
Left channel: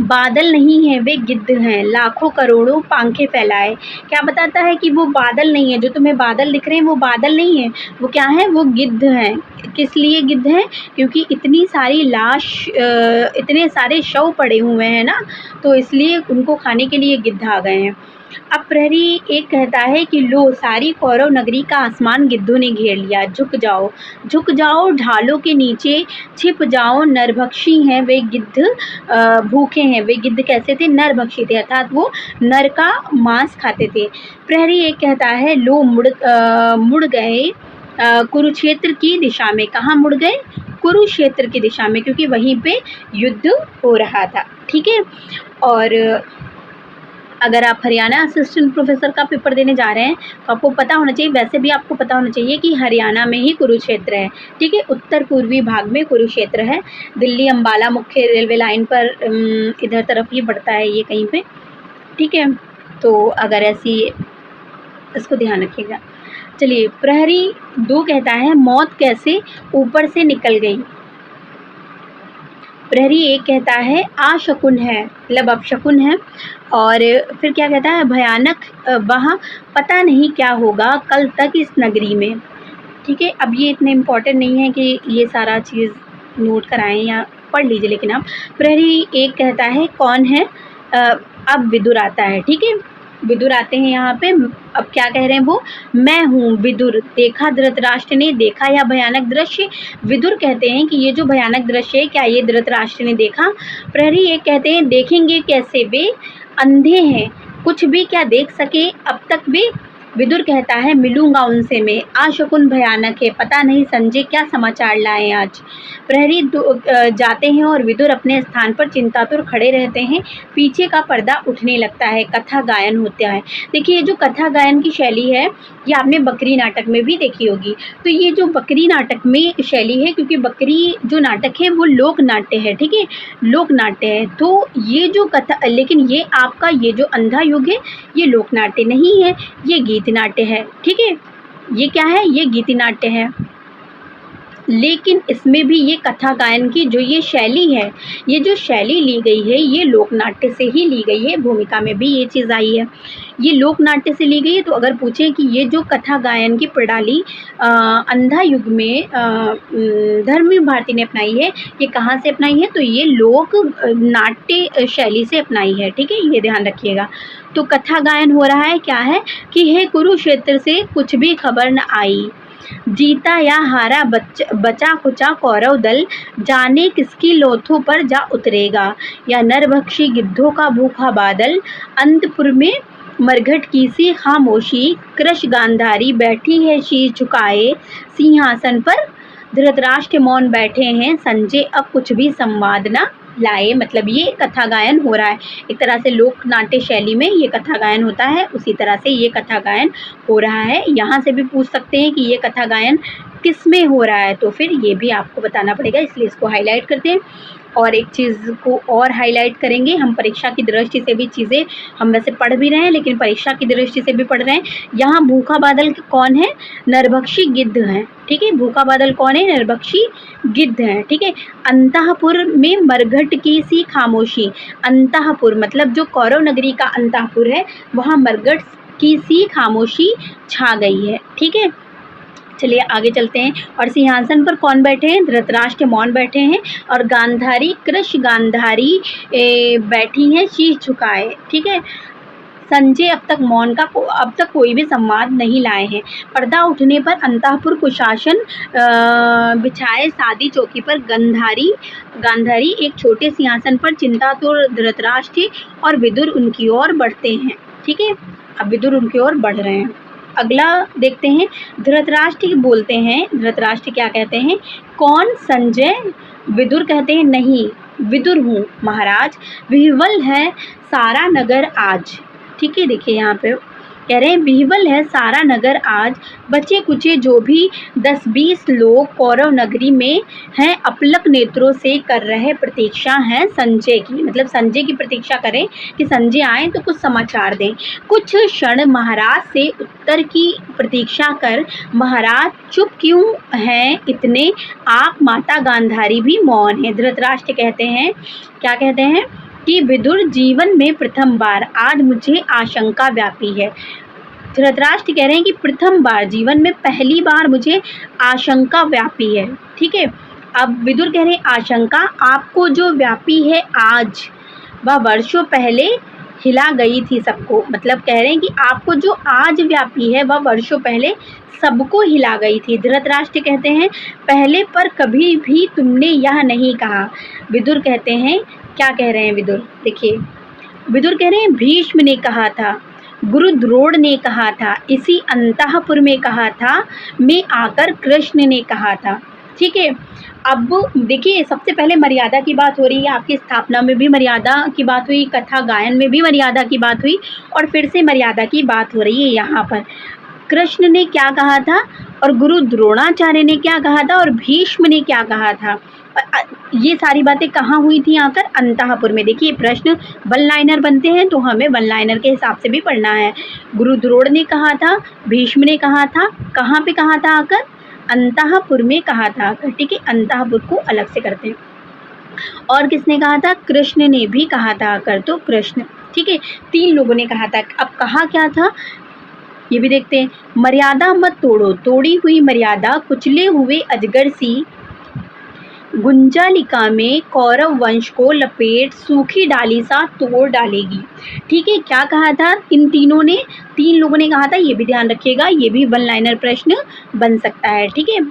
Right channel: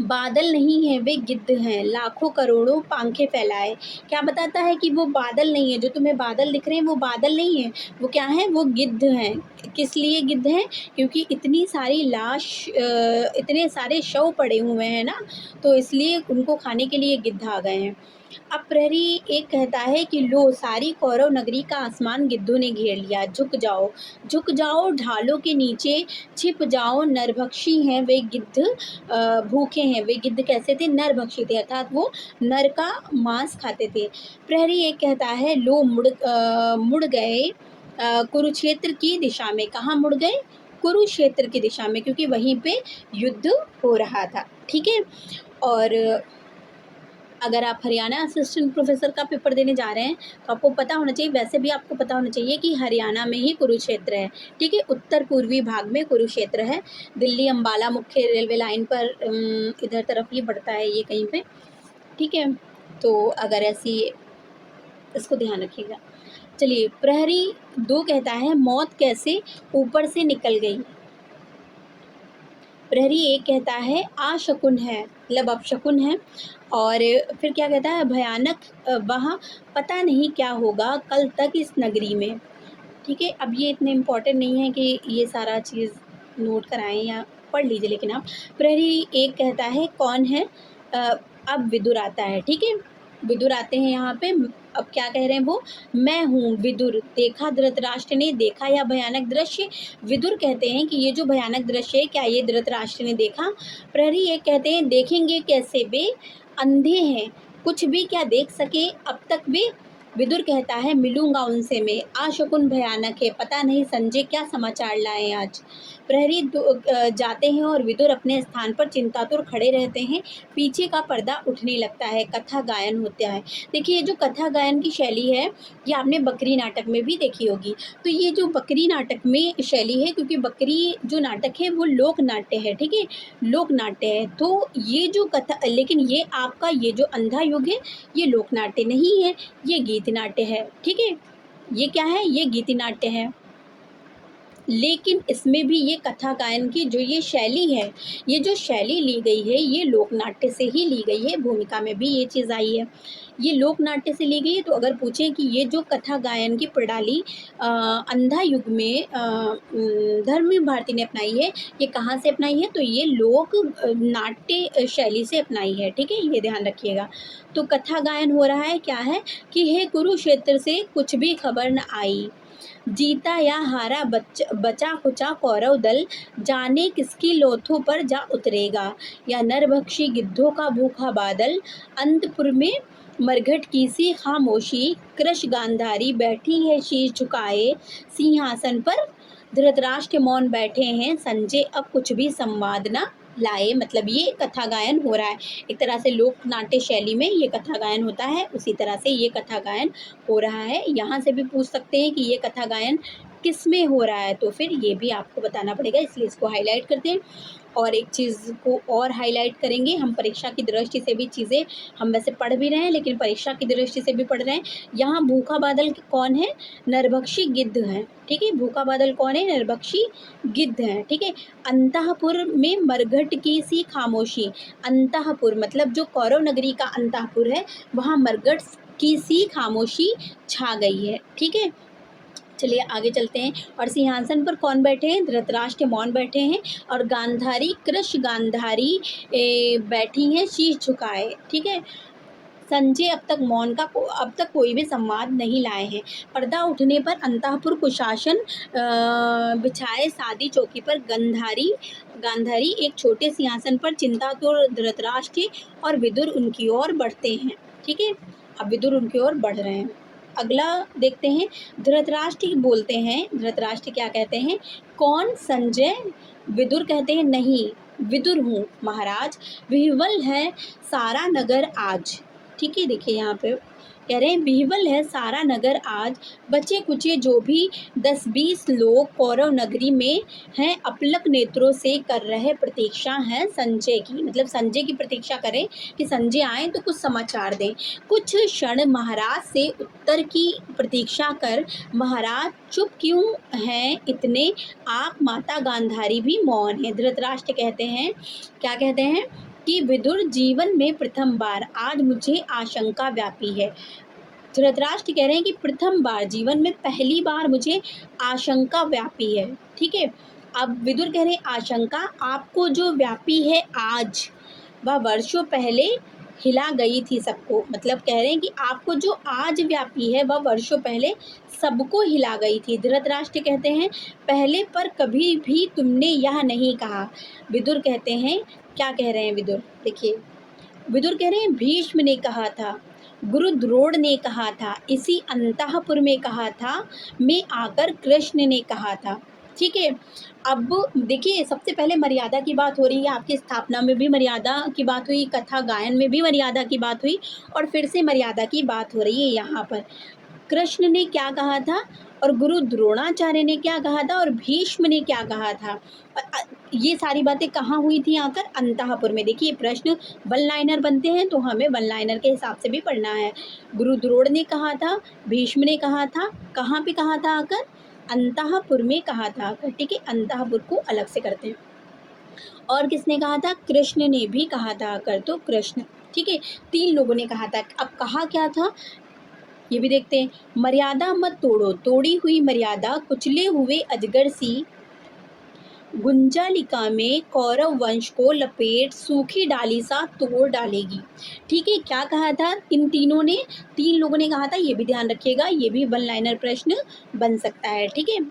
बादल नहीं है, वे गिद्ध हैं, लाखों करोड़ों पंखे फैलाए। क्या बताता है कि वो बादल नहीं है, जो तुम्हें बादल दिख रहे हैं वो बादल नहीं है, वो क्या है? वो गिद्ध हैं। किस लिए गिद्ध हैं? क्योंकि इतनी सारी लाश, इतने सारे शव पड़े हुए हैं ना, तो इसलिए उनको खाने के लिए गिद्ध आ गए हैं। अब प्रहरी एक कहता है कि लो सारी कौरव नगरी का आसमान गिद्धों ने घेर लिया, झुक जाओ ढालों के नीचे, छिप जाओ नरभक्षी हैं वे गिद्ध, भूखे हैं। वे गिद्ध कैसे थे? नरभक्षी थे, अर्थात वो नर का मांस खाते थे। प्रहरी एक कहता है लो मुड़ गए कुरुक्षेत्र की दिशा में। कहाँ मुड़ गए? कुरुक्षेत्र की दिशा में, क्योंकि वहीं पे युद्ध हो रहा था। ठीक है। और अगर आप हरियाणा असिस्टेंट प्रोफेसर का पेपर देने जा रहे हैं तो आपको पता होना चाहिए, वैसे भी आपको पता होना चाहिए कि हरियाणा में ही कुरुक्षेत्र है। ठीक है, उत्तर पूर्वी भाग में कुरुक्षेत्र है। दिल्ली अंबाला मुख्य रेलवे लाइन पर इधर तरफ ही बढ़ता है ये कहीं पे। ठीक है, तो अगर ऐसी इसको ध्यान रखिएगा। चलिए, प्रहरी 2 कहता है मौत कैसे ऊपर से निकल गई। प्रहरी 1 कहता है आशकुन है, मतलब अपशकुन है। और फिर क्या कहता है? भयानक वहाँ पता नहीं क्या होगा कल तक इस नगरी में। ठीक है, अब ये इतने इम्पोर्टेंट नहीं है कि ये सारा चीज़ नोट कराएं या पढ़ लीजिए, लेकिन आप प्रहरी 1 कहता है कौन है? अब विदुर आता है। ठीक है, विदुर आते हैं यहाँ पे। अब क्या कह रहे हैं वो? मैं हूँ विदुर, देखा धृतराष्ट्र ने, देखा यह भयानक दृश्य। विदुर कहते हैं कि ये जो भयानक दृश्य है क्या ये धृतराष्ट्र ने देखा? प्रहरी एक कहते हैं देखेंगे कैसे, वे अंधे हैं, कुछ भी क्या देख सके अब तक वे। विदुर कहता है मिलूंगा उनसे मैं, आशकुन भयानक है, पता नहीं संजय क्या समाचार लाए आज। प्रहरी जाते हैं और विदुर अपने स्थान पर चिंतातुर खड़े रहते हैं। पीछे का पर्दा उठने लगता है, कथा गायन होता है। देखिए, ये जो कथा गायन की शैली है ये आपने बकरी नाटक में भी देखी होगी। तो ये जो बकरी नाटक में शैली है, क्योंकि बकरी जो नाटक है वो लोक नाट्य है। ठीक है, लोक नाट्य है। तो ये जो कथा, लेकिन ये आपका ये जो अंधा युग है ये लोक नाट्य नहीं है, ये गीत नाट्य है। ठीक है, ये क्या है? ये गीति नाट्य है। लेकिन इसमें भी ये कथा गायन की जो ये शैली है, ये जो शैली ली गई है ये लोक नाट्य से ही ली गई है। भूमिका में भी ये चीज़ आई है, ये लोक नाट्य से ली गई है। तो अगर पूछें कि ये जो कथा गायन की प्रणाली अंधा युग में धर्मवीर भारती ने अपनाई है, ये कहाँ से अपनाई है? तो ये लोक नाट्य शैली से अपनाई है। ठीक है, ये ध्यान रखिएगा। तो कथा गायन हो रहा है, क्या है कि हे कुरुक्षेत्र से कुछ भी खबर न आई, जीता या हारा बचा खुचा कौरव दल, जाने किसकी लोथों पर जा उतरेगा, या नरभक्षी गिद्धों का भूखा बादल, अंतपुर में मरघट की सी खामोशी, कृश गांधारी बैठी है शीश झुकाए सिंहासन पर, धृतराष्ट्र मौन बैठे हैं, संजय अब कुछ भी संवाद न लाए। मतलब ये कथा गायन हो रहा है, एक तरह से लोक नाट्य शैली में ये कथा गायन होता है, उसी तरह से ये कथा गायन हो रहा है। यहाँ से भी पूछ सकते हैं कि ये कथा गायन किस में हो रहा है, तो फिर ये भी आपको बताना पड़ेगा, इसलिए इसको हाईलाइट करते हैं। और एक चीज़ को और हाईलाइट करेंगे, हम परीक्षा की दृष्टि से भी चीज़ें हम वैसे पढ़ भी रहे हैं, लेकिन परीक्षा की दृष्टि से भी पढ़ रहे हैं। यहाँ भूखा बादल कौन है? नरभक्षी गिद्ध हैं। ठीक है, भूखा बादल कौन है? नरभक्षी गिद्ध हैं। ठीक है, अंतःपुर में मरघट की सी खामोशी, अंतःपुर मतलब जो कौरव नगरी का अंतःपुर है वहाँ मरघट की सी खामोशी छा गई है। ठीक है, चलिए आगे चलते हैं। और सिंहासन पर कौन बैठे हैं? धृतराष्ट्र मौन बैठे हैं, और गांधारी कृश गांधारी बैठी हैं शीश झुकाए। ठीक है, संजय अब तक कोई भी संवाद नहीं लाए हैं। पर्दा उठने पर अंतःपुर कुशासन बिछाए सादी चौकी पर गांधारी एक छोटे सिंहासन पर चिंतातुर धृतराष्ट्र और विदुर उनकी ओर बढ़ते हैं। ठीक है, अब विदुर उनकी ओर बढ़ रहे हैं। अगला देखते हैं, धृतराष्ट्र बोलते हैं। धृतराष्ट्र क्या कहते हैं? कौन? संजय। विदुर कहते हैं नहीं, विदुर हूँ महाराज, विह्वल है सारा नगर आज। ठीक है, देखिए यहाँ पे कह रहे हैं विह्वल है सारा नगर आज, बचे कुचे जो भी 10-20 लोग कौरव नगरी में हैं, अपलक नेत्रों से कर रहे प्रतीक्षा हैं संजय की। मतलब संजय की प्रतीक्षा करें कि संजय आए तो कुछ समाचार दें। कुछ क्षण महाराज से उत्तर की प्रतीक्षा कर, महाराज चुप क्यों हैं इतने, आप माता गांधारी भी मौन है। धृतराष्ट्र कहते हैं, क्या कहते हैं कि विदुर जीवन में प्रथम बार आज मुझे आशंका व्यापी है। धृतराष्ट्र कह रहे हैं कि प्रथम बार, जीवन में पहली बार मुझे आशंका व्यापी है। ठीक है, अब विदुर कह रहे हैं आशंका आपको जो व्यापी है आज, वह वर्षों पहले हिला गई थी सबको, मतलब कह रहे हैं कि आपको जो आज व्यापी है वह वर्षों पहले सबको हिला गई थी। धृतराष्ट्र कहते हैं पहले पर कभी भी तुमने यह नहीं कहा। विदुर कहते हैं, क्या कह रहे हैं विदुर, देखिए विदुर कह रहे हैं भीष्म ने कहा था, गुरु द्रोण ने कहा था, इसी अंतःपुर में कहा था, मैं आकर कृष्ण ने कहा था। ठीक है, अब देखिए सबसे पहले मर्यादा की बात हो रही है, आपकी स्थापना में भी मर्यादा की बात हुई, कथा गायन में भी मर्यादा की बात हुई, और फिर से मर्यादा की बात हो रही है यहाँ पर। कृष्ण ने क्या कहा था और गुरु द्रोणाचार्य ने क्या कहा था और भीष्म ने क्या कहा था, ये सारी बातें कहाँ हुई थी, आकर अंतःपुर में। देखिए प्रश्न वन लाइनर बनते हैं तो हमें वन लाइनर के हिसाब से भी पढ़ना है। गुरु द्रोण ने कहा था, भीष्म ने कहा था, कहाँ पे कहा था, आकर अंतःपुर में कहा था आकर। ठीक है, अंतःपुर को अलग से करते हैं। और किसने कहा था, कृष्ण ने भी कहा था आकर, तो कृष्ण। ठीक है, 3 लोगों ने कहा था। अब कहा क्या था ये भी देखते हैं। मर्यादा मत तोड़ो, तोड़ी हुई मर्यादा कुचले हुए अजगर सी गुंजालिका में कौरव वंश को लपेट सूखी डाली सा तोड़ डालेगी। ठीक है, क्या कहा था इन तीनों ने, 3 लोगों ने कहा था, ये भी ध्यान रखिएगा, ये भी वन लाइनर प्रश्न बन सकता है। ठीक है,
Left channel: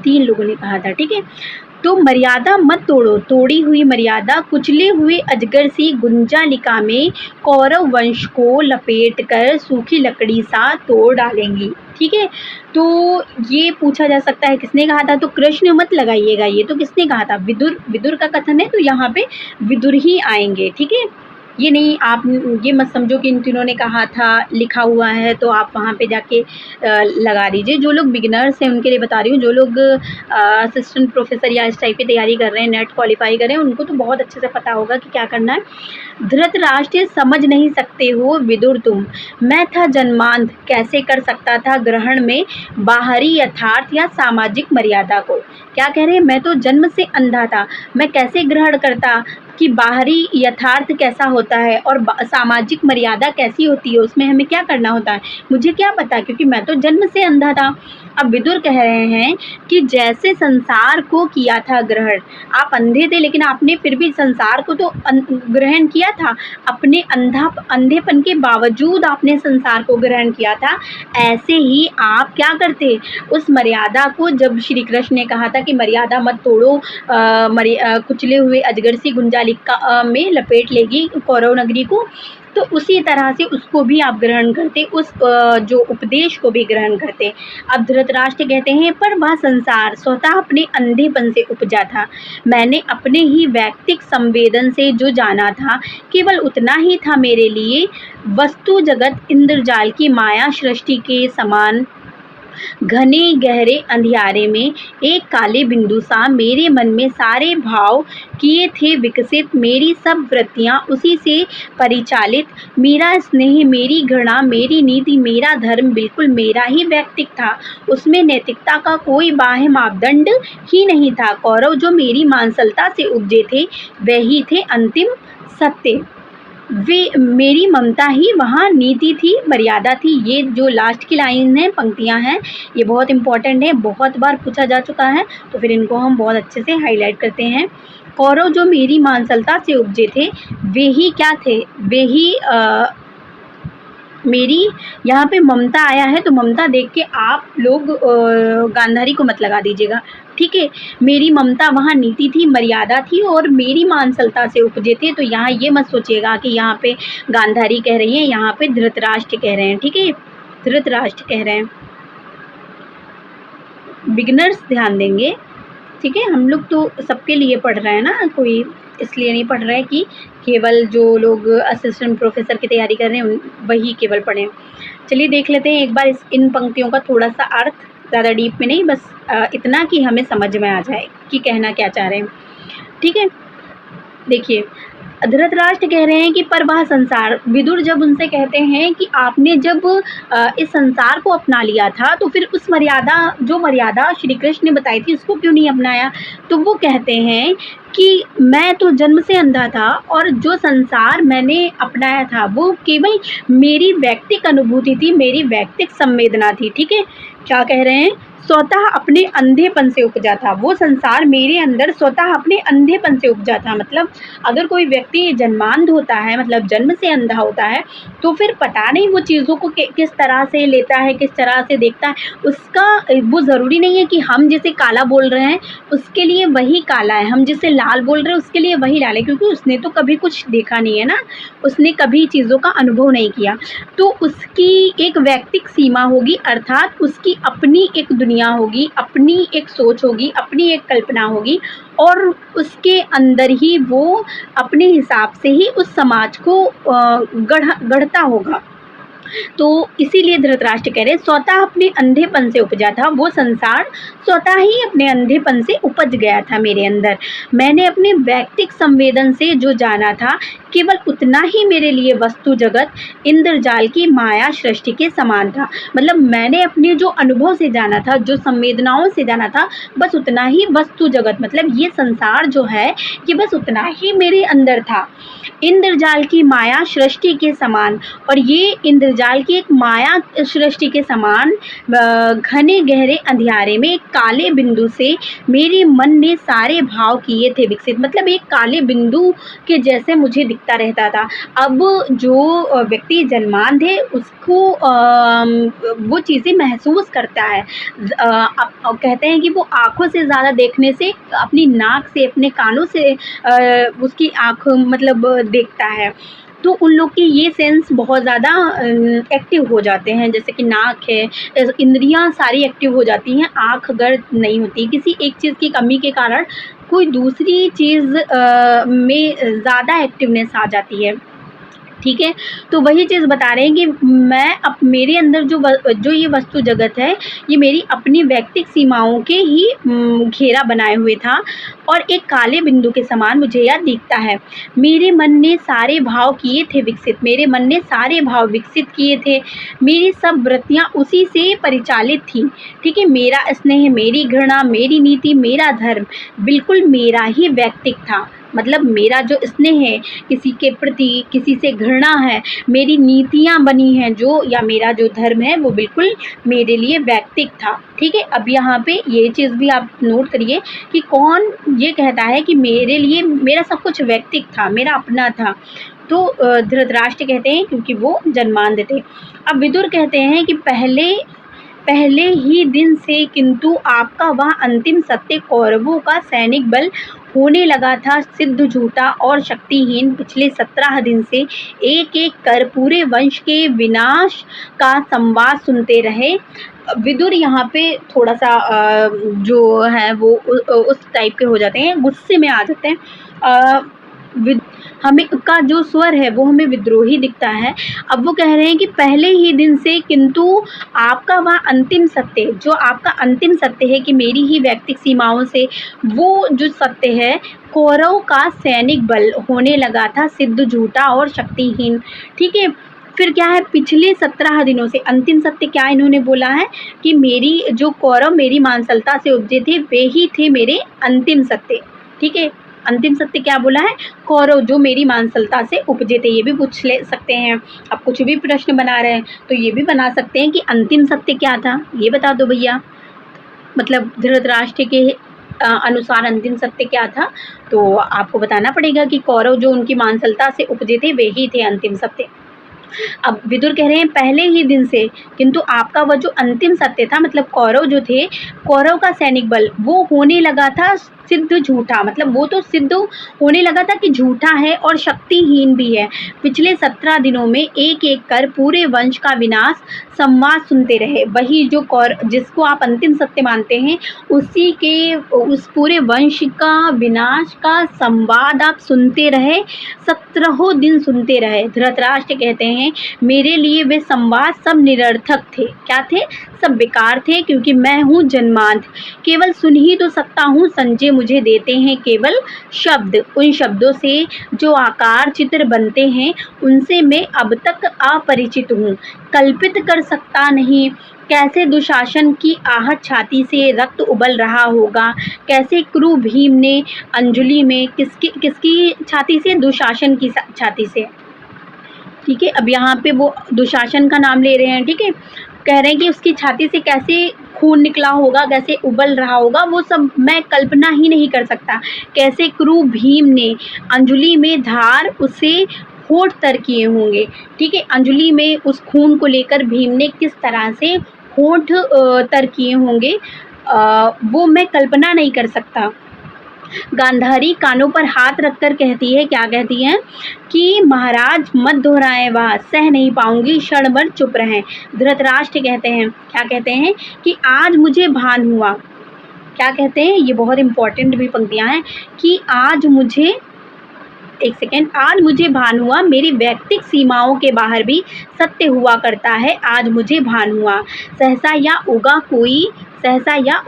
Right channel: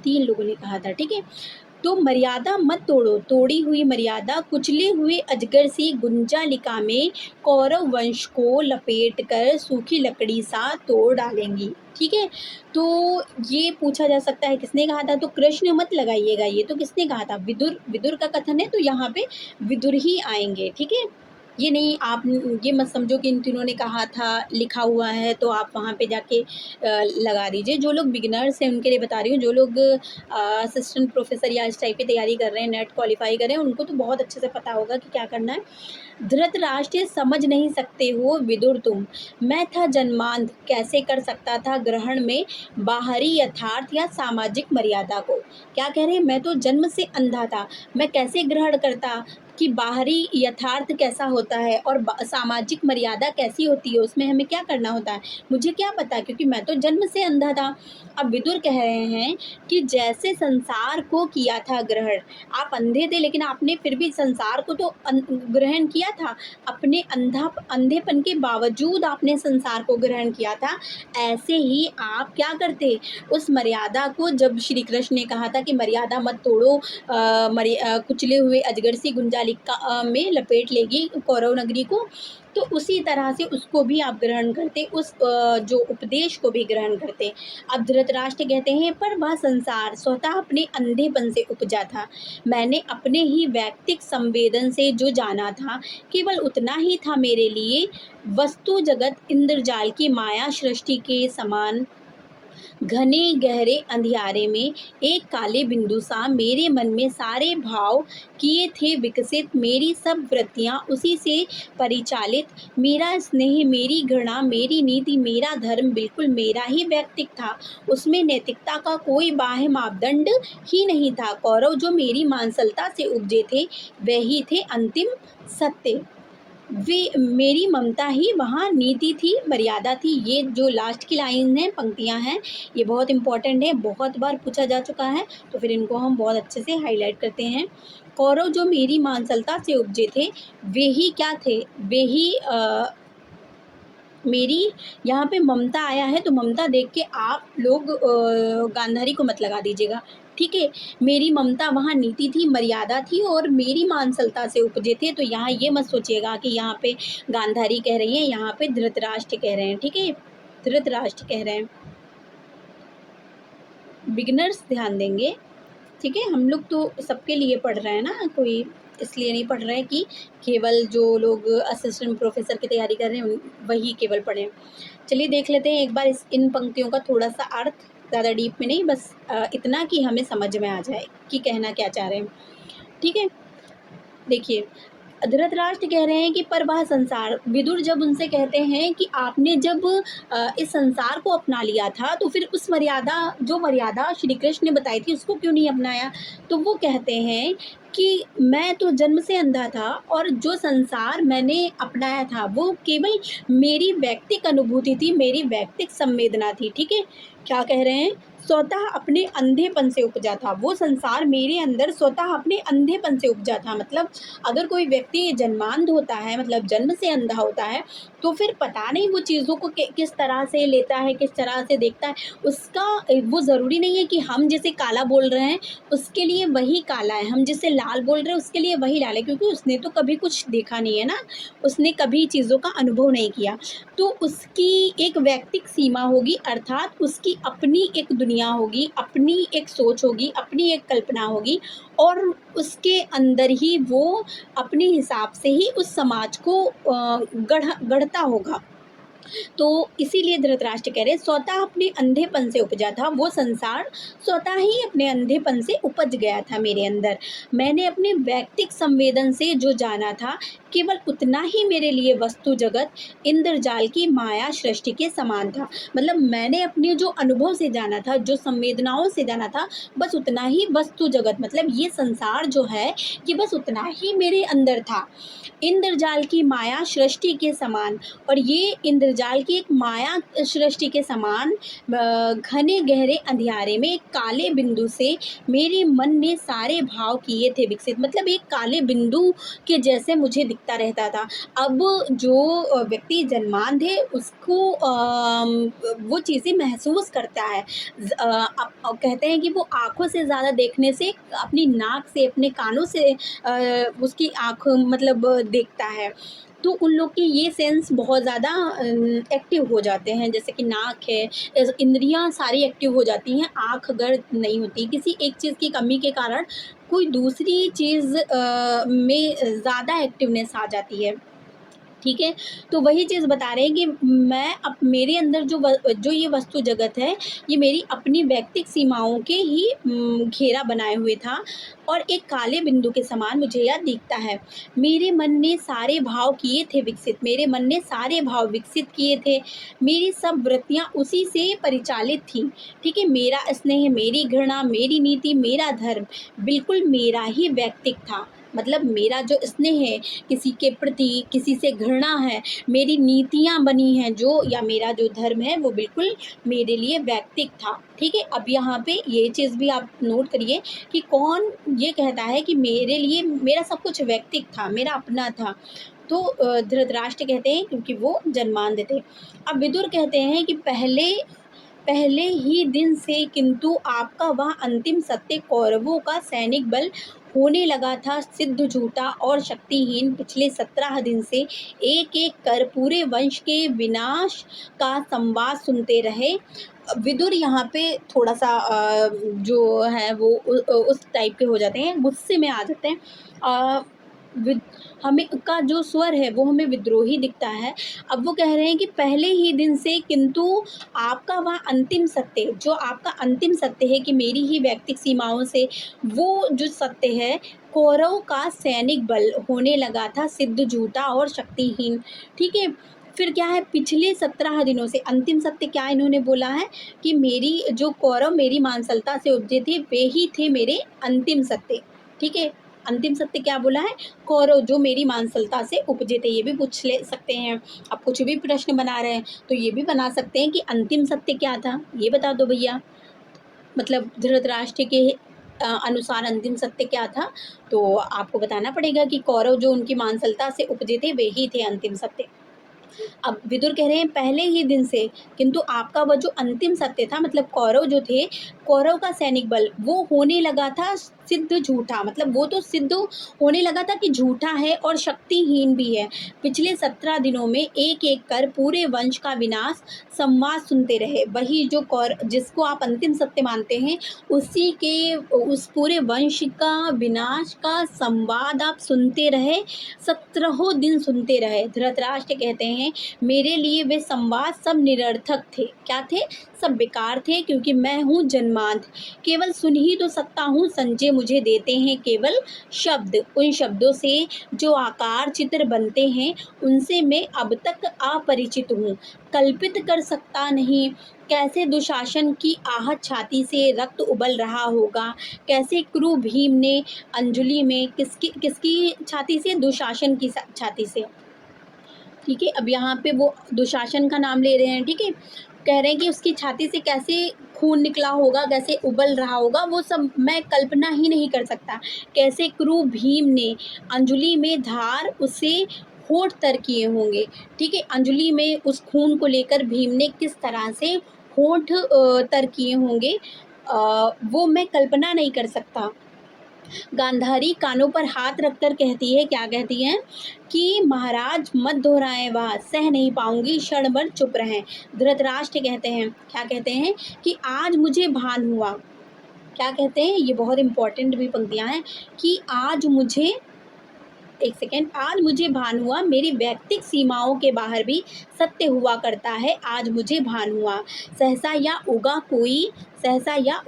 3 लोगों ने कहा था। ठीक है, तो मर्यादा मत तोड़ो, तोड़ी हुई मर्यादा कुचले हुए अजगर सी गुंजालिका में कौरव वंश को लपेट कर सूखी लकड़ी सा तोड़ डालेंगी। ठीक है, तो ये पूछा जा सकता है किसने कहा था, तो कृष्ण मत लगाइएगा, ये तो किसने कहा था, विदुर। विदुर का कथन है तो यहाँ पे विदुर ही आएंगे। ठीक है, ये नहीं, आप ये मत समझो कि इन तीनों ने कहा था लिखा हुआ है तो आप वहाँ पे जाके लगा दीजिए। जो लोग बिगिनर्स हैं उनके लिए बता रही हूँ, जो लोग असिस्टेंट प्रोफेसर या इस टाइप की तैयारी कर रहे हैं, नेट क्वालिफाई कर रहे हैं, उनको तो बहुत अच्छे से पता होगा कि क्या करना है। धृतराष्ट्र समझ नहीं सकते हो विदुर तुम, मैं था जन्मांध, कैसे कर सकता था ग्रहण में बाहरी यथार्थ या सामाजिक मर्यादा को। क्या कह रहे हैं, मैं तो जन्म से अंधा था, मैं कैसे ग्रहण करता कि बाहरी यथार्थ कैसा होता है और सामाजिक मर्यादा कैसी होती है, उसमें हमें क्या करना होता है, मुझे क्या पता, क्योंकि मैं तो जन्म से अंधा था। अब विदुर कह रहे हैं कि जैसे संसार को किया था ग्रहण, आप अंधे थे लेकिन आपने फिर भी संसार को तो ग्रहण किया था, अपने अंधेपन के बावजूद आपने संसार को ग्रहण किया था। ऐसे ही आप क्या करते, उस मर्यादा को, जब श्री कृष्ण ने कहा था कि मर्यादा मत तोड़ो, कुचले हुए अजगर सी गुंजालिका में लपेट लेगी कौरव नगरी को, तो उसी तरह से उसको भी आप ग्रहण करते, उस जो उपदेश को भी ग्रहण करते। अब धृतराष्ट्र कहते हैं पर वह संसार स्वतः अपने अंधेपन से उपजा था, मैंने अपने ही वैयक्तिक संवेदन से जो जाना था केवल उतना ही था मेरे लिए। वस्तु जगत इंद्रजाल की माया सृष्टि के समान घने गहरे अंधियारे में एक काले बिंदु सा मेरे मन में सारे भाव किए थे विकसित, मेरी सब वृत्तियाँ उसी से परिचालित, मेरा स्नेह, मेरी घृणा, मेरी नीति, मेरा धर्म बिल्कुल मेरा ही व्यक्तिक था, उसमें नैतिकता का कोई बाह्य मापदंड ही नहीं था। कौरव जो मेरी मांसलता से उपजे थे वही थे अंतिम सत्य, वे मेरी ममता ही वहाँ नीति थी, मर्यादा थी। ये जो लास्ट की लाइन है, पंक्तियाँ हैं, ये बहुत इंपॉर्टेंट है, बहुत बार पूछा जा चुका है, तो फिर इनको हम बहुत अच्छे से हाईलाइट करते हैं। कौरव जो मेरी मांसलता से उपजे थे वे ही क्या थे, वे ही मेरी, यहाँ पे ममता आया है तो ममता देख के आप लोग गांधारी को मत लगा दीजिएगा। ठीक है, मेरी ममता वहाँ नीति थी, मर्यादा थी, और मेरी मांसलता से उपजे थे, तो यहाँ ये मत सोचिएगा कि यहाँ पे गांधारी कह रही है, यहाँ पे धृतराष्ट्र कह रहे हैं। ठीक है, धृतराष्ट्र कह रहे हैं, बिगिनर्स ध्यान देंगे। ठीक है, हम लोग तो सबके लिए पढ़ रहे हैं ना, कोई इसलिए नहीं पढ़ रहे हैं कि केवल जो लोग असिस्टेंट प्रोफेसर की तैयारी कर रहे हैं वही केवल पढ़ें। चलिए देख लेते हैं एक बार इन पंक्तियों का थोड़ा सा अर्थ, ज़्यादा डीप में नहीं, बस इतना कि हमें समझ में आ जाए कि कहना क्या चाह रहे हैं। ठीक है, देखिए धृतराष्ट्र कह रहे हैं कि पर वह संसार, विदुर जब उनसे कहते हैं कि आपने जब इस संसार को अपना लिया था तो फिर उस मर्यादा, जो मर्यादा श्री कृष्ण ने बताई थी उसको क्यों नहीं अपनाया, तो वो कहते हैं कि मैं तो जन्म से अंधा था और जो संसार मैंने अपनाया था वो केवल मेरी व्यक्तिक अनुभूति थी, मेरी व्यक्तिक संवेदना थी। ठीक है, क्या कह रहे हैं, स्वतः अपने अंधेपन से उपजा था, वो संसार मेरे अंदर स्वतः अपने अंधेपन से उपजा था। मतलब अगर कोई व्यक्ति जन्मांध होता है, मतलब जन्म से अंधा होता है, तो फिर पता नहीं वो चीज़ों को किस तरह से लेता है, किस तरह से देखता है। उसका वो ज़रूरी नहीं है कि हम जिसे काला बोल रहे हैं उसके लिए वही काला है, हम जिसे लाल बोल रहे हैं उसके लिए वही लाल है, क्योंकि उसने तो कभी कुछ देखा नहीं है ना, उसने कभी चीज़ों का अनुभव नहीं किया। तो उसकी एक वैयक्तिक सीमा होगी, अर्थात उसकी अपनी एक दुनिया होगी, अपनी एक सोच होगी, अपनी एक कल्पना होगी, और उसके अंदर ही वो अपने हिसाब से ही उस समाज को गढ़ता होगा। तो इसीलिए धृतराष्ट्र कह रहे स्वतः अपने अंधेपन से उपजा था, वो संसार स्वतः ही अपने अंधेपन से उपज गया था मेरे अंदर। मैंने अपने वैयक्तिक संवेदन से जो जाना था, केवल उतना ही मेरे लिए वस्तु जगत इंद्रजाल की माया सृष्टि के समान था। मतलब मैंने अपने जो अनुभव से जाना था, जो संवेदनाओं से जाना था, बस उतना ही वस्तु जगत, मतलब ये संसार जो है ये बस उतना ही मेरे अंदर था, इंद्रजाल की माया सृष्टि के समान। और ये इंद्रजाल की एक माया सृष्टि के समान घने गहरे अंधियारे में एक काले बिंदु से मेरे मन ने सारे भाव किए थे विकसित। मतलब एक काले बिंदु के जैसे मुझे दिखता रहता था। अब जो व्यक्ति जन्मांध है उसको वो चीज़ें महसूस करता है। अब कहते हैं कि वो आँखों से ज़्यादा देखने से अपनी नाक से, अपने कानों से उसकी आँख मतलब देखता है। तो उन लोग की ये सेंस बहुत ज़्यादा एक्टिव हो जाते हैं, जैसे कि नाक है, इंद्रियां सारी एक्टिव हो जाती हैं। आँख अगर नहीं होती, किसी एक चीज़ की कमी के कारण कोई दूसरी चीज़ में ज़्यादा एक्टिवनेस आ जाती है। ठीक है, तो वही चीज़ बता रहे हैं कि मैं अब मेरे अंदर जो ये वस्तु जगत है, ये मेरी अपनी वैयक्तिक सीमाओं के ही घेरा बनाए हुए था, और एक काले बिंदु के समान मुझे यह दिखता है। मेरे मन ने सारे भाव किए थे विकसित, मेरे मन ने सारे भाव विकसित किए थे, मेरी सब वृत्तियाँ उसी से परिचालित थी। ठीक है, मेरा स्नेह, मेरी घृणा, मेरी नीति, मेरा धर्म बिल्कुल मेरा ही वैयक्तिक था। मतलब मेरा जो स्नेह है किसी के प्रति, किसी से घृणा है, मेरी नीतियाँ बनी हैं जो, या मेरा जो धर्म है वो बिल्कुल मेरे लिए वैयक्तिक था। ठीक है, अब यहाँ पे ये चीज़ भी आप नोट करिए कि कौन ये कहता है कि मेरे लिए मेरा सब कुछ वैयक्तिक था, मेरा अपना था। तो धृतराष्ट्र कहते हैं क्योंकि वो जन्मांध थे। अब विदुर कहते हैं कि पहले ही दिन से किंतु आपका वह अंतिम सत्य कौरवों का सैनिक बल होने लगा था सिद्ध झूठा और शक्तिहीन। पिछले 17 दिन से एक एक कर पूरे वंश के विनाश का संवाद सुनते रहे। विदुर यहाँ पे थोड़ा सा जो है वो उस टाइप के हो जाते हैं, गुस्से में आ जाते हैं। हमें का जो स्वर है वो हमें विद्रोही दिखता है। अब वो कह रहे हैं कि पहले ही दिन से किंतु आपका वह अंतिम सत्य, जो आपका अंतिम सत्य है कि मेरी ही वैयक्तिक सीमाओं से, वो जो सत्य है कौरव का सैनिक बल होने लगा था सिद्ध झूठा और शक्तिहीन। ठीक है, फिर क्या है, पिछले 17 दिनों से अंतिम सत्य क्या इन्होंने बोला है कि मेरी जो कौरव मेरी मानसलता से उपजे थे वे ही थे मेरे अंतिम सत्य। ठीक है, अंतिम सत्य क्या बोला है, कौरव जो मेरी मानसलता से उपजे थे। ये भी पूछ ले सकते हैं, आप कुछ भी प्रश्न बना रहे हैं तो ये भी बना सकते हैं कि अंतिम सत्य क्या था, ये बता दो भैया। मतलब धृतराष्ट्र के अनुसार अंतिम सत्य क्या था, तो आपको बताना पड़ेगा कि कौरव जो उनकी मानसलता से उपजे थे वे ही थे अंतिम सत्य। अब विदुर कह रहे हैं पहले ही दिन से, किंतु आपका वह जो अंतिम सत्य था, मतलब कौरव जो थे, कौरव का सैनिक बल वो होने लगा था सिद्ध झूठा, मतलब वो तो सिद्ध होने लगा था कि झूठा है और शक्तिहीन भी है। पिछले 17 दिनों में एक एक कर पूरे वंश का विनाश संवाद सुनते रहे। वही जो जिसको आप अंतिम सत्य मानते हैं उसी के उस पूरे वंश का विनाश का संवाद आप सुनते रहे, 17 दिन सुनते रहे। धृतराष्ट्र कहते हैं मेरे लिए वे संवाद सब निरर्थक थे। क्या थे? सब बेकार थे, क्योंकि मैं हूँ जन्मांध, केवल सुन ही तो सकता हूँ। संजय मुझे देते हैं केवल शब्द, उन शब्दों से जो आकार चित्र बनते हैं उनसे मैं अब तक अपरिचित हूँ, कल्पित कर सकता नहीं। कैसे दुशासन की आहत छाती से रक्त उबल रहा होगा, कैसे क्रू भीम ने अंजलि में किसकी छाती से, दुशासन की छाती से। ठीक है, अब यहाँ पे वो दुशासन का नाम ले रहे हैं। ठीक है, कह रहे हैं कि उसकी छाती से कैसे खून निकला होगा, कैसे उबल रहा होगा, वो सब मैं कल्पना ही नहीं कर सकता। कैसे क्रूर भीम ने अंजलि में धार उसे होठ तर किए होंगे, ठीक है। अंजलि में उस खून को लेकर भीम ने किस तरह से होठ तर किए होंगे, वो मैं कल्पना नहीं कर सकता। गांधारी कानों पर हाथ रखकर कहती है, क्या कहती है कि महाराज मत दोहराएं, वह सह नहीं पाऊंगी, क्षण भर चुप रहें। धृतराष्ट्र कहते हैं, क्या कहते हैं कि आज मुझे भान हुआ, क्या कहते हैं, ये बहुत इंपॉर्टेंट भी पंक्तियां हैं कि आज मुझे, एक सेकेंड, आज मुझे भान हुआ, मेरी वैयक्तिक सीमाओं के बाहर भी सत्य हुआ करता है, आज मुझे भान हुआ। सहसा या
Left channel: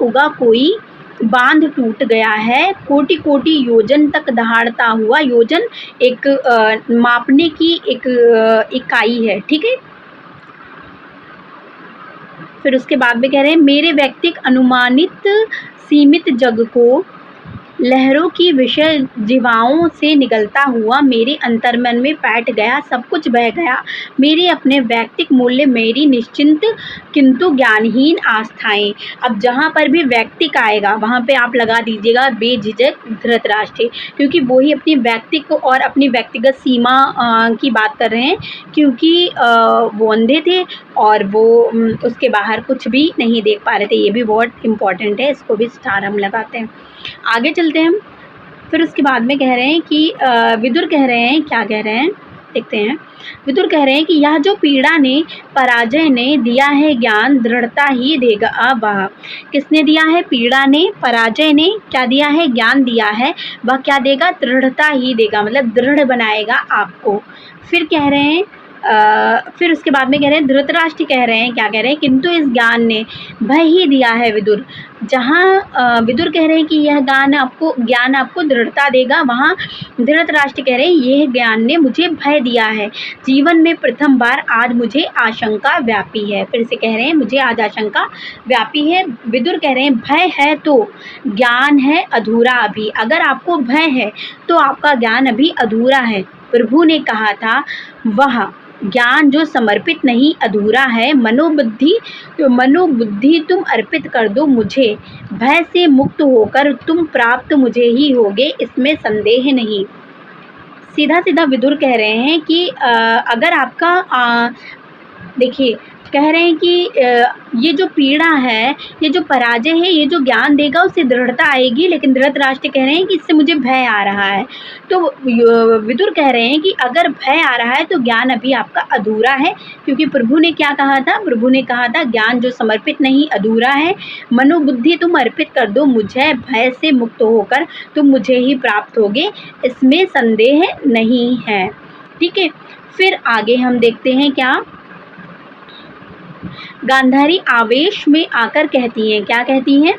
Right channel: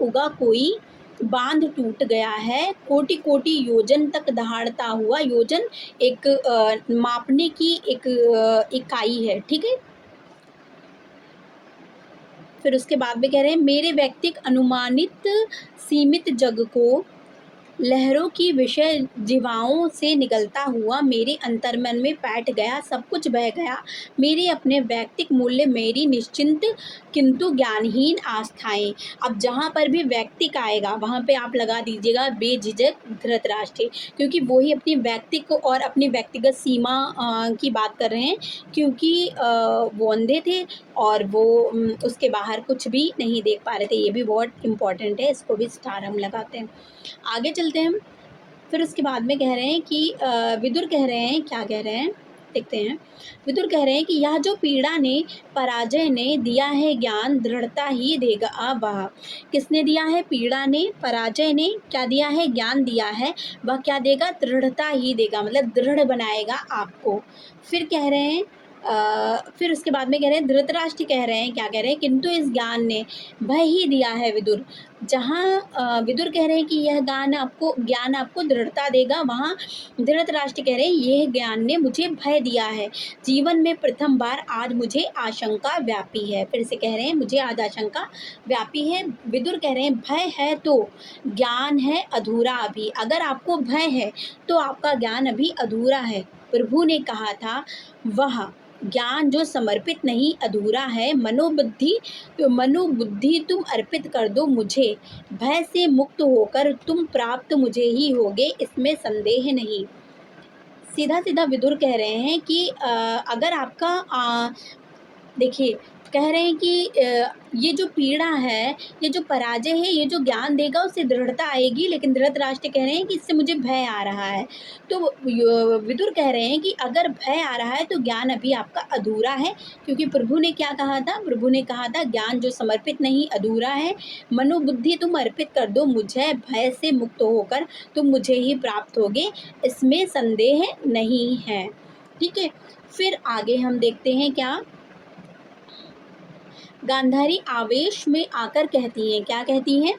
उगा कोई बांध टूट गया है, कोटि कोटि योजन तक दहाड़ता हुआ। योजन एक मापने की एक इकाई है, ठीक है। फिर उसके बाद में कह रहे हैं, मेरे व्यक्तिक अनुमानित सीमित जग को लहरों की विषय जीवाओं से निकलता हुआ मेरे अंतर्मन में बैठ गया, सब कुछ बह गया, मेरे अपने वैयक्तिक मूल्य, मेरी निश्चिंत किंतु ज्ञानहीन आस्थाएं। अब जहाँ पर भी वैयक्तिक आएगा वहाँ पे आप लगा दीजिएगा बेझिझक धृतराष्ट्र, क्योंकि वो ही अपनी वैयक्तिक और अपनी व्यक्तिगत सीमा की बात कर रहे हैं, क्योंकि वो अंधे थे और वो उसके बाहर कुछ भी नहीं देख पा रहे थे। ये भी बहुत इम्पॉर्टेंट है, इसको भी स्टार हम लगाते हैं। आगे चलते हैं। फिर उसके बाद में कह रहे हैं कि विदुर कह रहे हैं, क्या कह रहे हैं देखते हैं। विदुर कह रहे हैं कि यह जो पीड़ा ने पराजय ने दिया है ज्ञान, दृढ़ता ही देगा वह। किसने दिया है? पीड़ा ने, पराजय ने क्या दिया है? ज्ञान दिया है। वह क्या देगा? दृढ़ता ही देगा, मतलब दृढ़ बनाएगा आपको। फिर कह रहे हैं फिर उसके बाद में कह रहे हैं, धृतराष्ट्र कह रहे हैं, क्या कह रहे हैं, किंतु इस ज्ञान ने भय ही दिया है विदुर। जहाँ विदुर कह रहे हैं कि यह ज्ञान आपको दृढ़ता देगा, वहाँ धृतराष्ट्र कह रहे हैं यह ज्ञान ने मुझे भय दिया है। जीवन में प्रथम बार आज मुझे आशंका व्यापी है। फिर से कह रहे हैं मुझे आज आशंका व्यापी है। विदुर कह रहे हैं भय है तो ज्ञान है अधूरा अभी। अगर आपको भय है तो आपका ज्ञान अभी अधूरा है। प्रभु ने कहा था वह ज्ञान जो समर्पित नहीं अधूरा है। मनोबुद्धि तुम अर्पित कर दो मुझे, भय से मुक्त होकर तुम प्राप्त मुझे ही होगे, इसमें संदेह नहीं। सीधा सीधा विदुर कह रहे हैं कि अगर आपका देखिए कह रहे हैं कि ये जो पीड़ा है, ये जो पराजय है, ये जो ज्ञान देगा उससे दृढ़ता आएगी, लेकिन धृतराष्ट्र कह रहे हैं कि इससे मुझे भय आ रहा है। तो विदुर कह रहे हैं कि अगर भय आ रहा है तो ज्ञान अभी आपका अधूरा है, क्योंकि प्रभु ने क्या कहा था? प्रभु ने कहा था ज्ञान जो समर्पित नहीं अधूरा है। मनोबुद्धि तुम अर्पित कर दो मुझे, भय से मुक्त होकर तुम मुझे ही प्राप्त होगे, इसमें संदेह नहीं है। ठीक है, फिर आगे हम देखते हैं क्या। गांधारी आवेश में आकर कहती हैं, क्या कहती हैं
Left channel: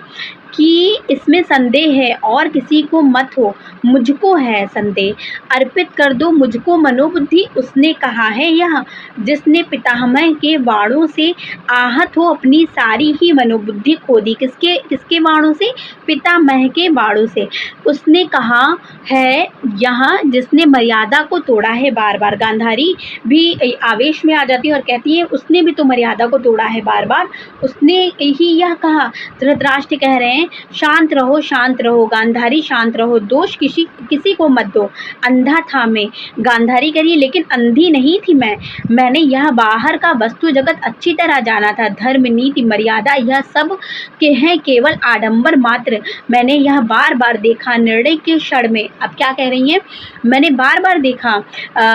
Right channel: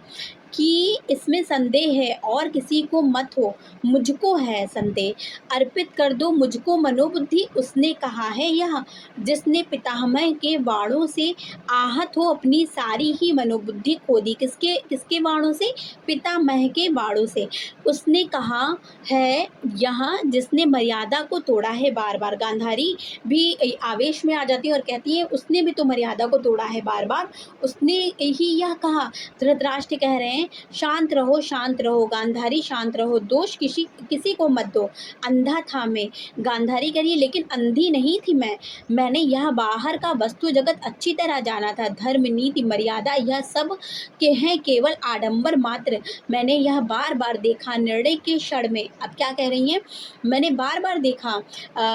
कि इसमें संदेह है और किसी को मत हो, मुझको है संदेह। अर्पित कर दो मुझको मनोबुद्धि, उसने कहा है यह जिसने पितामह के बाणों से आहत हो अपनी सारी ही मनोबुद्धि खो दी। किसके बाणों से? पितामह के बाणों से। उसने कहा है यहाँ जिसने मर्यादा को तोड़ा है। बार बार गांधारी भी आवेश में आ जाती है और कहती है उसने भी तो मर्यादा को तोड़ा है, बार बार उसने ही यह कहा। धृतराष्ट्र कह रहे हैं शांत रहो, शांत रहो गांधारी, शांत रहो, दोष किसी को मत दो। अंधा था मैं, गांधारी करिए, लेकिन अंधी नहीं थी मैंने यह बाहर का वस्तु जगत अच्छी तरह जाना था। धर्म, नीति, मर्यादा यह सब के हैं केवल आडंबर मात्र। मैंने यह बार बार देखा निर्णय के क्षण में। अब क्या कह रही हैं? मैंने बार बार देखा,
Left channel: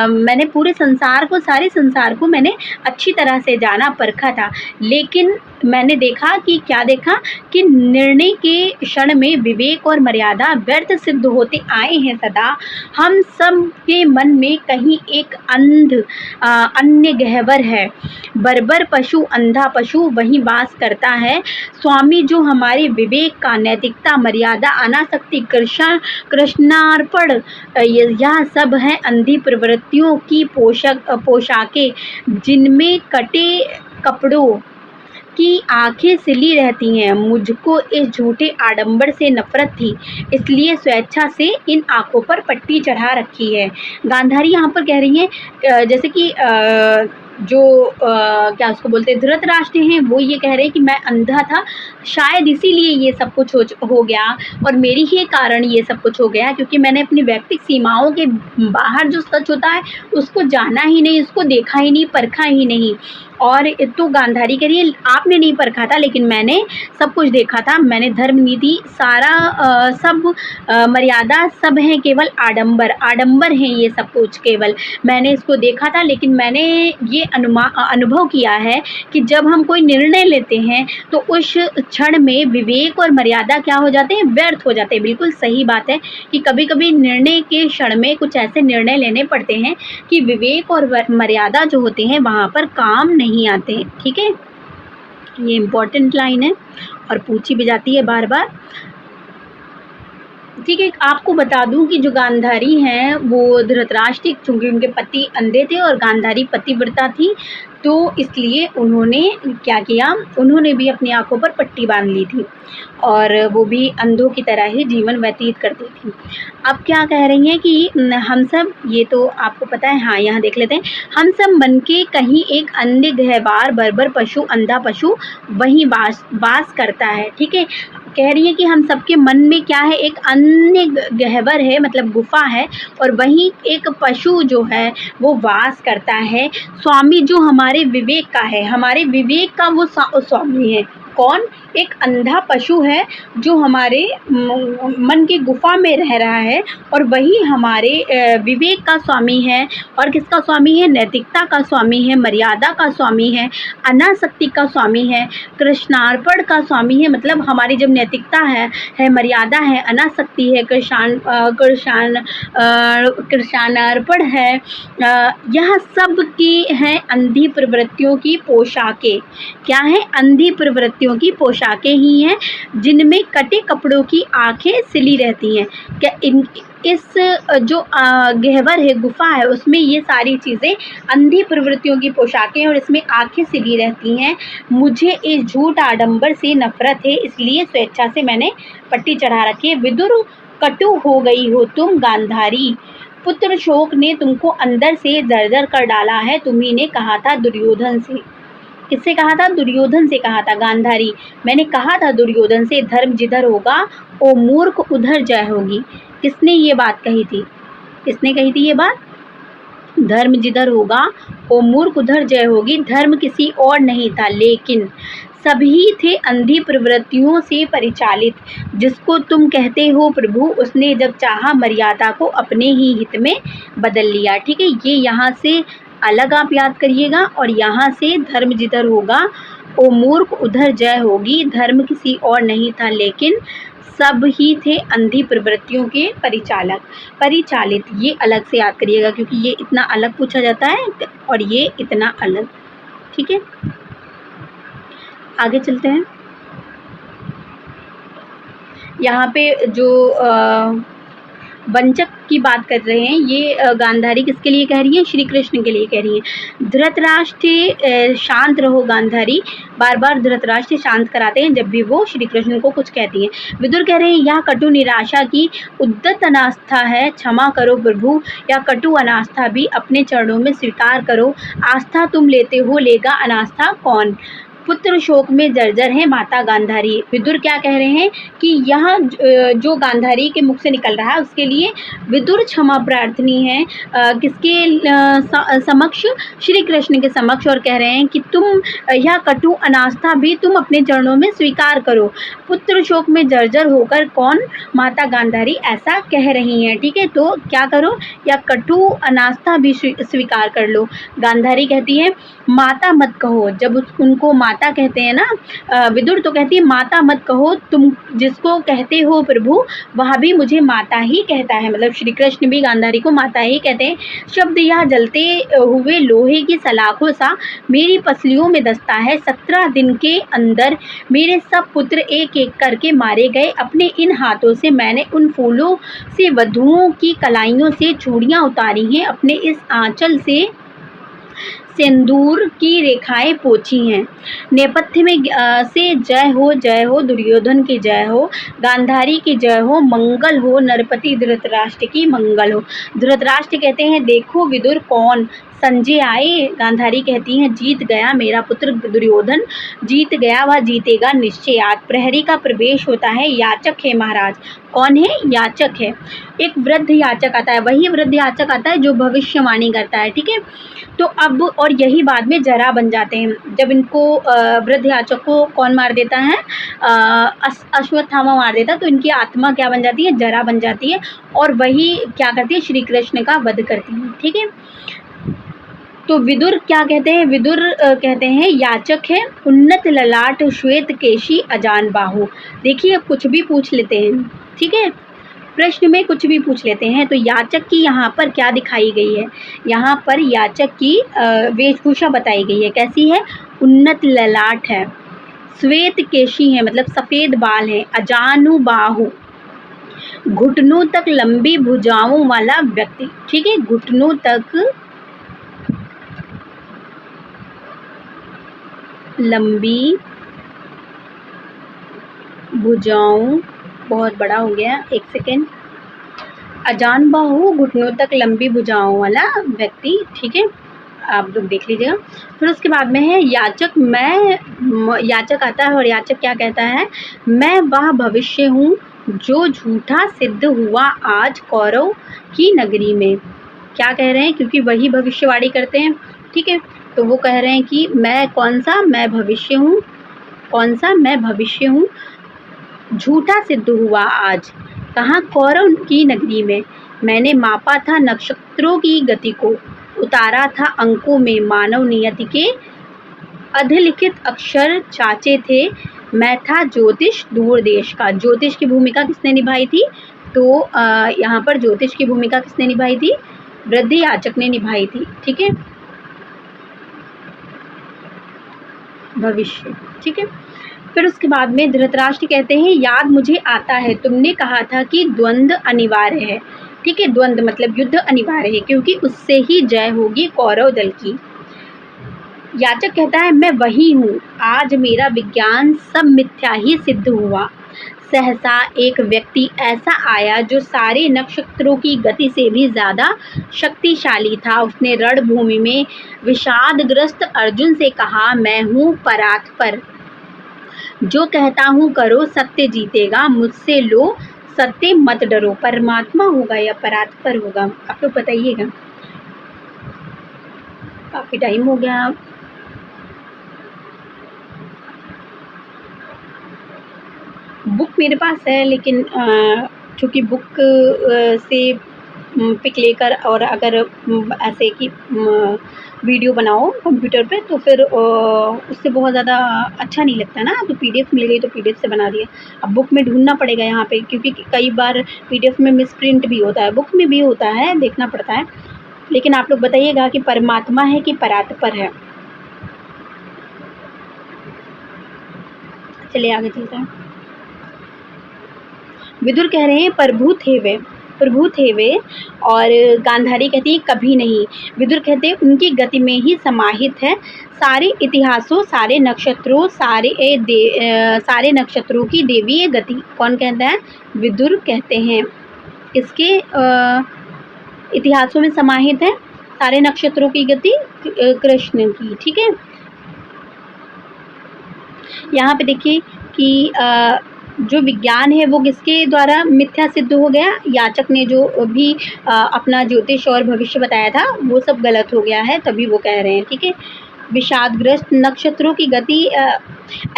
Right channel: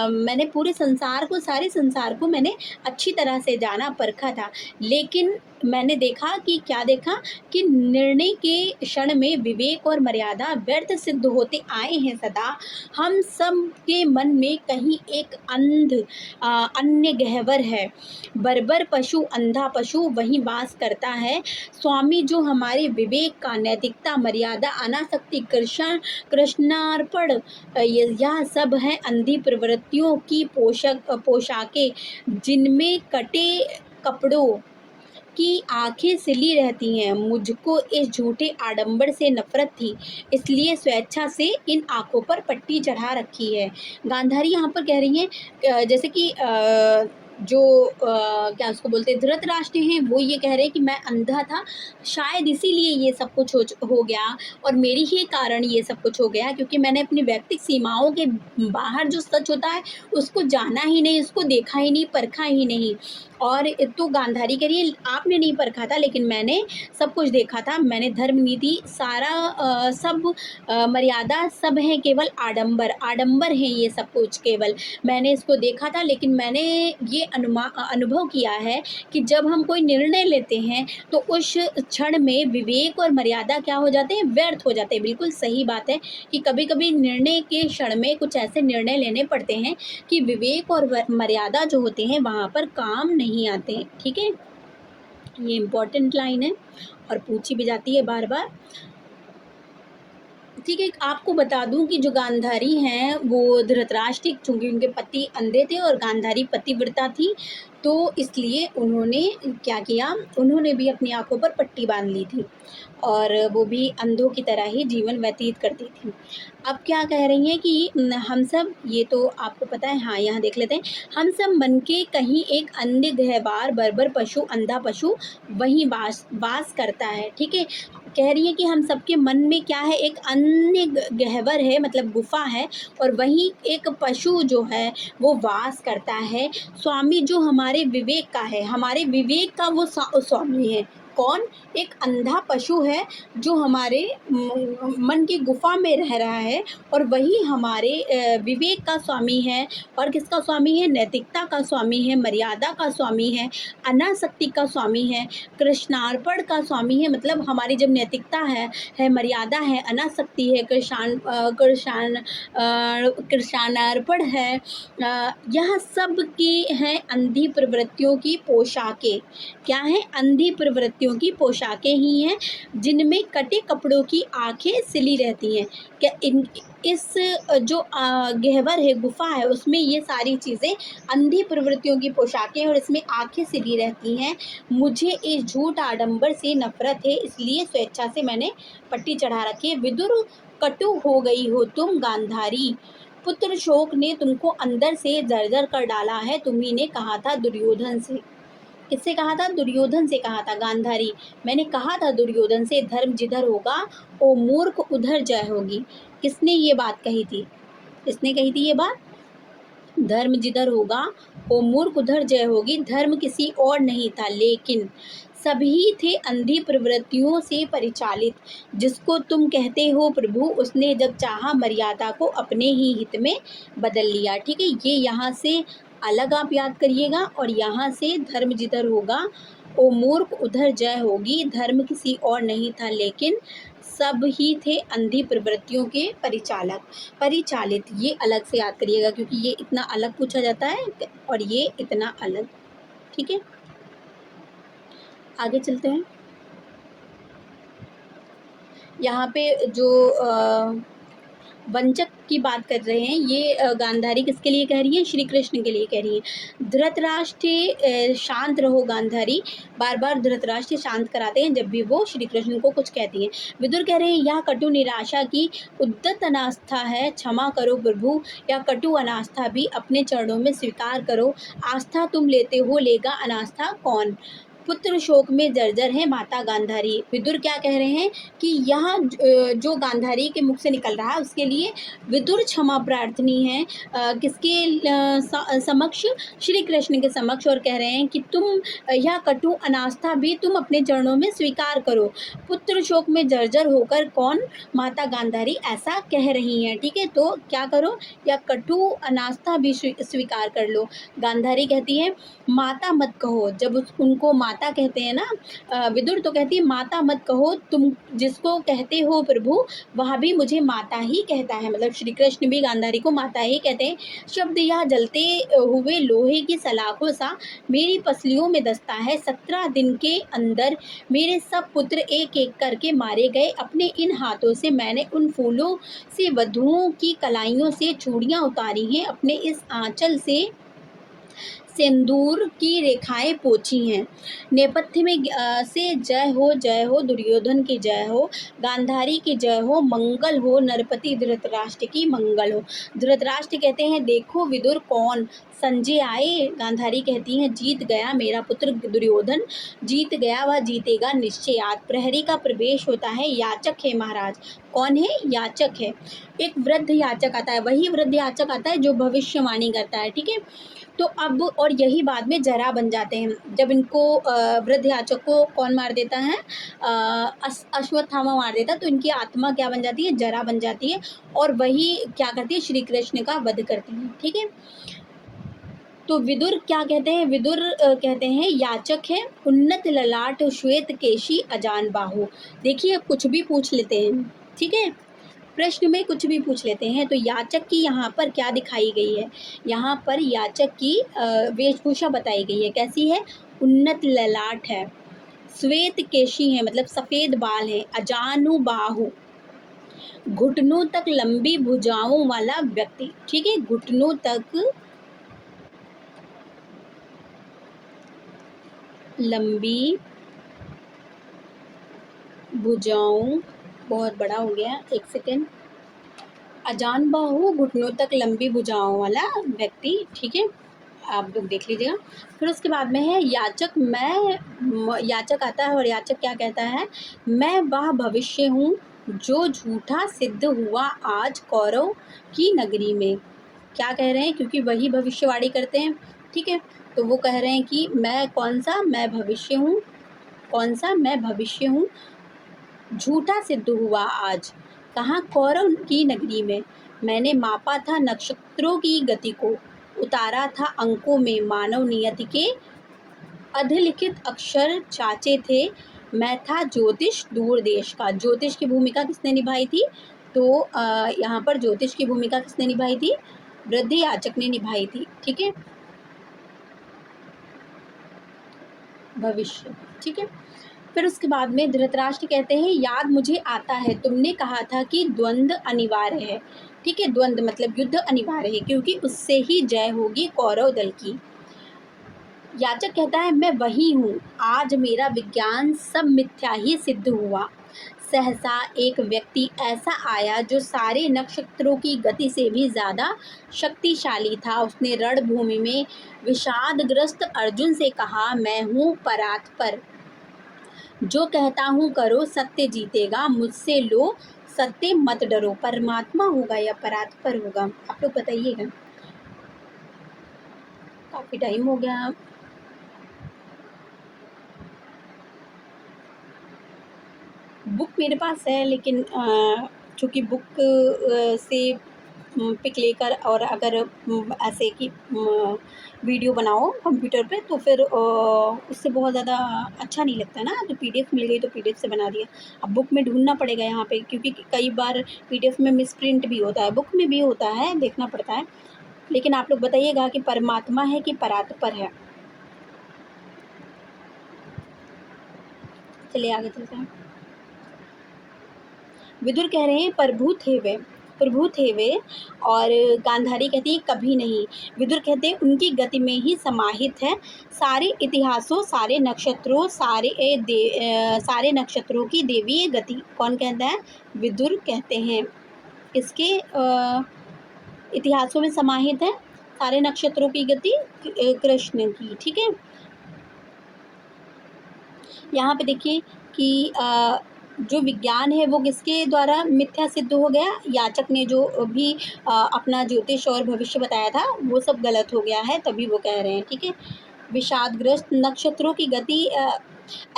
मैंने पूरे संसार को, सारे संसार को मैंने अच्छी तरह से जाना, परखा था, लेकिन मैंने देखा कि क्या देखा कि निर्णय के क्षण में विवेक और मर्यादा व्यर्थ सिद्ध होते आए हैं सदा। हम सब के मन में कहीं एक अन्य गहवर है। बर्बर पशु, अंधा पशु वहीं वास करता है। स्वामी जो हमारे विवेक का, नैतिकता, मर्यादा, अनासक्ति, कृष्णार्पण, यह सब है अंधी प्रवृत्तियों की पोशाकें, जिनमें कटे कपड़ों की आंखें सिली रहती हैं। मुझको इस झूठे आडंबर से नफरत थी, इसलिए स्वेच्छा से इन आंखों पर पट्टी चढ़ा रखी है। गांधारी यहाँ पर कह रही हैं जैसे कि जो क्या उसको बोलते हैं, धृतराष्ट्र हैं, वो ये कह रहे हैं कि मैं अंधा था, शायद इसीलिए ये सब कुछ हो गया और मेरी ही कारण ये सब कुछ हो गया, क्योंकि मैंने अपनी व्यक्तिगत सीमाओं के बाहर जो सच होता है उसको जाना ही नहीं, उसको देखा ही नहीं, परखा ही नहीं। और तो गांधारी कह रही है आपने नहीं परखा था, लेकिन मैंने सब कुछ देखा था, मैंने धर्म नीति सारा सब मर्यादा सब है, केवल आडंबर आडंबर हैं ये सब कुछ, केवल मैंने इसको देखा था। लेकिन मैंने ये अनुभव किया है कि जब हम कोई निर्णय लेते हैं तो उस क्षण में विवेक और मर्यादा क्या हो जाते हैं, व्यर्थ हो जाते हैं। बिल्कुल सही बात है कि कभी कभी निर्णय के क्षण में कुछ ऐसे निर्णय लेने पड़ते हैं कि विवेक और मर्यादा जो होते हैं वहाँ पर काम नहीं आते। ठीक है, ये इम्पोर्टेंट लाइन है और पूछी भी जाती है बार बार। ठीक है, आपको बता दूं कि जो गांधारी हैं वो धृतराष्ट्र, चूँकि उनके पति अंधे थे और गांधारी पतिव्रता थी, तो इसलिए उन्होंने क्या किया, उन्होंने भी अपनी आँखों पर पट्टी बांध ली थी और वो भी अंधों की तरह ही जीवन व्यतीत करती थी। अब क्या कह रही हैं कि हम सब, ये तो आपको पता है, हाँ यहाँ देख लेते हैं, हम सब मन के कहीं एक अन्य गहवार बर्बर पशु, अंधा पशु वहीं वास करता है। ठीक है, कह रही है कि हम सबके मन में क्या है, एक अन्य गहवर है, मतलब गुफा है, और वहीं एक पशु जो है वो वास करता है। स्वामी जो हमारे विवेक का है, हमारे विवेक का वो स्वामी है। कौन? एक अंधा पशु है जो हमारे मन की गुफा में रह रहा है और वही हमारे विवेक का स्वामी है। और किसका स्वामी है? नैतिकता का स्वामी है, मर्यादा का स्वामी है, अनासक्ति का स्वामी है, कृष्णार्पण का स्वामी है। मतलब हमारी जब नैतिकता है मर्यादा है, अनासक्ति है, कृष्णार्पण है, यह सब की हैं अंधी प्रवृत्तियों की पोशाकें। क्या है? अंधी प्रवृत्तियों की पोशाकें ही हैं जिनमें कटे कपड़ों की आंखें सिली रहती हैं। क्या इस जो गहवर है, गुफा है, उसमें ये सारी चीज़ें अंधी प्रवृत्तियों की पोशाकें और इसमें आंखें सिली रहती हैं। मुझे इस झूठ आडंबर से नफरत है, इसलिए स्वेच्छा से मैंने पट्टी चढ़ा रखी है। विदुर, कटु हो गई हो तुम गांधारी, पुत्र शोक ने तुमको अंदर से जर्जर कर डाला है। तुम्ही ने कहा था दुर्योधन से, किससे कहा था? दुर्योधन से कहा था। गांधारी, मैंने कहा था दुर्योधन से, धर्म जिधर होगा ओ मूर्ख उधर जय होगी। किसने ये बात कही थी? किसने कही थी ये बात? धर्म जिधर होगा ओ मूर्ख उधर जय होगी। धर्म किसी और नहीं था, लेकिन सभी थे अंधी प्रवृत्तियों से परिचालित। जिसको तुम कहते हो प्रभु, उसने जब चाहा मर्यादा को अपने ही हित में बदल लिया। ठीक है, ये यहाँ से अलग आप याद करिएगा। और यहाँ से धर्म जिधर होगा ओ मूर्ख उधर जय होगी। धर्म किसी और नहीं था, लेकिन सब ही थे अंधी प्रवृत्तियों के परिचालित। ये अलग से याद करिएगा, क्योंकि ये इतना अलग पूछा जाता है और ये इतना अलग। ठीक है, आगे चलते हैं। यहाँ पे जो वंचक की बात कर रहे हैं, ये गांधारी किसके लिए कह रही है? श्री कृष्ण के लिए कह रही है। धृतराष्ट्र शांत रहो गांधारी, बार बार धृतराष्ट्र शांत कराते हैं जब भी वो श्री कृष्ण को कुछ कहती हैं। विदुर कह रहे हैं यह कटु निराशा की उद्दत अनास्था है, क्षमा करो प्रभु। या कटु अनास्था भी अपने चरणों में स्वीकार करो। आस्था तुम लेते हो, लेगा अनास्था कौन? पुत्र शोक में जर्जर है माता गांधारी। विदुर क्या कह रहे हैं कि यह जो गांधारी के मुख से निकल रहा है उसके लिए विदुर क्षमा प्रार्थनी है, किसके समक्ष? श्री कृष्ण के समक्ष। और कह रहे हैं कि तुम यह कटु अनास्था भी तुम अपने चरणों में स्वीकार करो। पुत्र शोक में जर्जर होकर कौन? माता गांधारी ऐसा कह रही हैं। ठीक है, तो क्या करो? या कटु अनास्था भी स्वीकार कर लो। गांधारी कहती है माता मत कहो। जब उनको माता कहते हैं ना, विदुर तो कहती है माता मत कहो, तुम जिसको कहते हो प्रभु वह भी मुझे माता ही कहता है। मतलब श्री कृष्ण भी गांधारी को माता ही कहते हैं। शब्द यह जलते हुए लोहे की सलाखों सा मेरी पसलियों में दस्ता है। 17 दिन के अंदर मेरे सब पुत्र एक एक करके मारे गए। अपने इन हाथों से मैंने उन फूलों से वधुओं की कलाइयों से चूड़ियाँ उतारी हैं। अपने इस आंचल से सिंदूर की रेखाएं पोछी हैं। नेपथ्य में से जय हो दुर्योधन की जय हो, गांधारी की जय हो, मंगल हो नरपति धृतराष्ट्र की मंगल हो। धृतराष्ट्र कहते हैं देखो विदुर कौन संजय आए, गांधारी कहती हैं जीत गया मेरा पुत्र दुर्योधन, जीत गया वह जीतेगा निश्चय आज। प्रहरी का प्रवेश होता है, याचक है महाराज। कौन है? याचक है। एक वृद्ध याचक आता है, वही वृद्ध याचक आता है जो भविष्यवाणी करता है, ठीक है। तो अब और यही बाद में जरा बन जाते हैं। जब इनको वृद्ध याचक को कौन मार देता है? अश्वत्थामा मार देता है, तो इनकी आत्मा क्या बन जाती है? जरा बन जाती है, और वही क्या करती है? श्री कृष्ण का वध करती है, ठीक है। तो विदुर क्या कहते हैं? विदुर कहते हैं याचक है, उन्नत ललाट श्वेत केशी अजान बाहु। देखिए अब कुछ भी पूछ लेते हैं, ठीक है, प्रश्न में कुछ भी पूछ लेते हैं। तो याचक की यहाँ पर क्या दिखाई गई है? यहाँ पर याचक की वेशभूषा बताई गई है, कैसी है? उन्नत ललाट है, श्वेत केशी है मतलब सफ़ेद बाल है, अजानु बाहु घुटनों तक लंबी भुजाओं वाला व्यक्ति, ठीक है, घुटनों तक लंबी भुजाओं, बहुत बड़ा हो गया, एक सेकेंड, अजान बाहु घुटनों तक लंबी भुजाओं वाला व्यक्ति, ठीक है, आप लोग देख लीजिएगा। फिर उसके बाद में है याचक, मैं, याचक आता है और याचक क्या कहता है? मैं वह भविष्य हूँ जो झूठा सिद्ध हुआ आज कौरव की नगरी में। क्या कह रहे हैं? क्योंकि वही भविष्यवाणी करते हैं, ठीक है, तो वो कह रहे हैं कि मैं कौन सा? मैं भविष्य हूँ। कौन सा? मैं भविष्य हूँ, झूठा सिद्ध हुआ आज। कहाँ? कौरव की नगरी में। मैंने मापा था नक्षत्रों की गति को, उतारा था अंकों में मानव नियति के अधिलिखित अक्षर चाचे थे। मैं था ज्योतिष दूर देश का। ज्योतिष की भूमिका किसने निभाई थी? तो यहाँ पर ज्योतिष की भूमिका किसने निभाई थी? वृद्ध याचक ने निभाई थी, ठीक है, भविष्य, ठीक है। फिर उसके बाद में धृतराष्ट्र कहते हैं याद मुझे आता है तुमने कहा था कि द्वंद्व अनिवार्य है, ठीक है, द्वंद्व मतलब युद्ध अनिवार्य है क्योंकि उससे ही जय होगी कौरव दल की। याचक कहता है मैं वही हूँ, आज मेरा विज्ञान सब मिथ्या ही सिद्ध हुआ। सहसा एक व्यक्ति ऐसा आया जो सारे नक्षत्रों की गति से भी ज़्यादा शक्तिशाली था। उसने रणभूमि में विषादग्रस्त अर्जुन से कहा मैं हूँ परात्पर, जो कहता हूँ करो सत्य जीतेगा, मुझसे लो सत्य मत डरो। परमात्मा होगा या परात्पर होगा, आप लोग बताइएगा। काफ़ी टाइम हो गया, बुक मेरे पास है लेकिन चूँकि बुक से पिक लेकर और अगर ऐसे कि वीडियो बनाओ कंप्यूटर पे तो फिर उससे बहुत ज़्यादा अच्छा नहीं लगता ना। तो पीडीएफ मिल गई तो पीडीएफ से बना दिया। अब बुक में ढूंढना पड़ेगा यहाँ पे क्योंकि कई बार पीडीएफ में मिसप्रिंट भी होता है, बुक में भी होता है, देखना पड़ता है। लेकिन आप लोग बताइएगा कि परमात्मा है कि परात्पर है। चलिए आगे चलते हैं। विदुर कह रहे हैं प्रभु थे वे और गांधारी कहती है कभी नहीं। विदुर कहते हैं उनकी गति में ही समाहित है सारे इतिहासों, सारे नक्षत्रों, सारे नक्षत्रों की देवीय गति। कौन कहता है? विदुर कहते हैं इसके इतिहासों में समाहित है सारे नक्षत्रों की गति कृष्ण की, ठीक है। यहाँ पे देखिए कि जो विज्ञान है वो किसके द्वारा मिथ्या सिद्ध हो गया? याचक ने जो भी अपना ज्योतिष और भविष्य बताया था वो सब गलत हो गया है, तभी वो कह रहे हैं, ठीक है। विषादग्रस्त नक्षत्रों की गति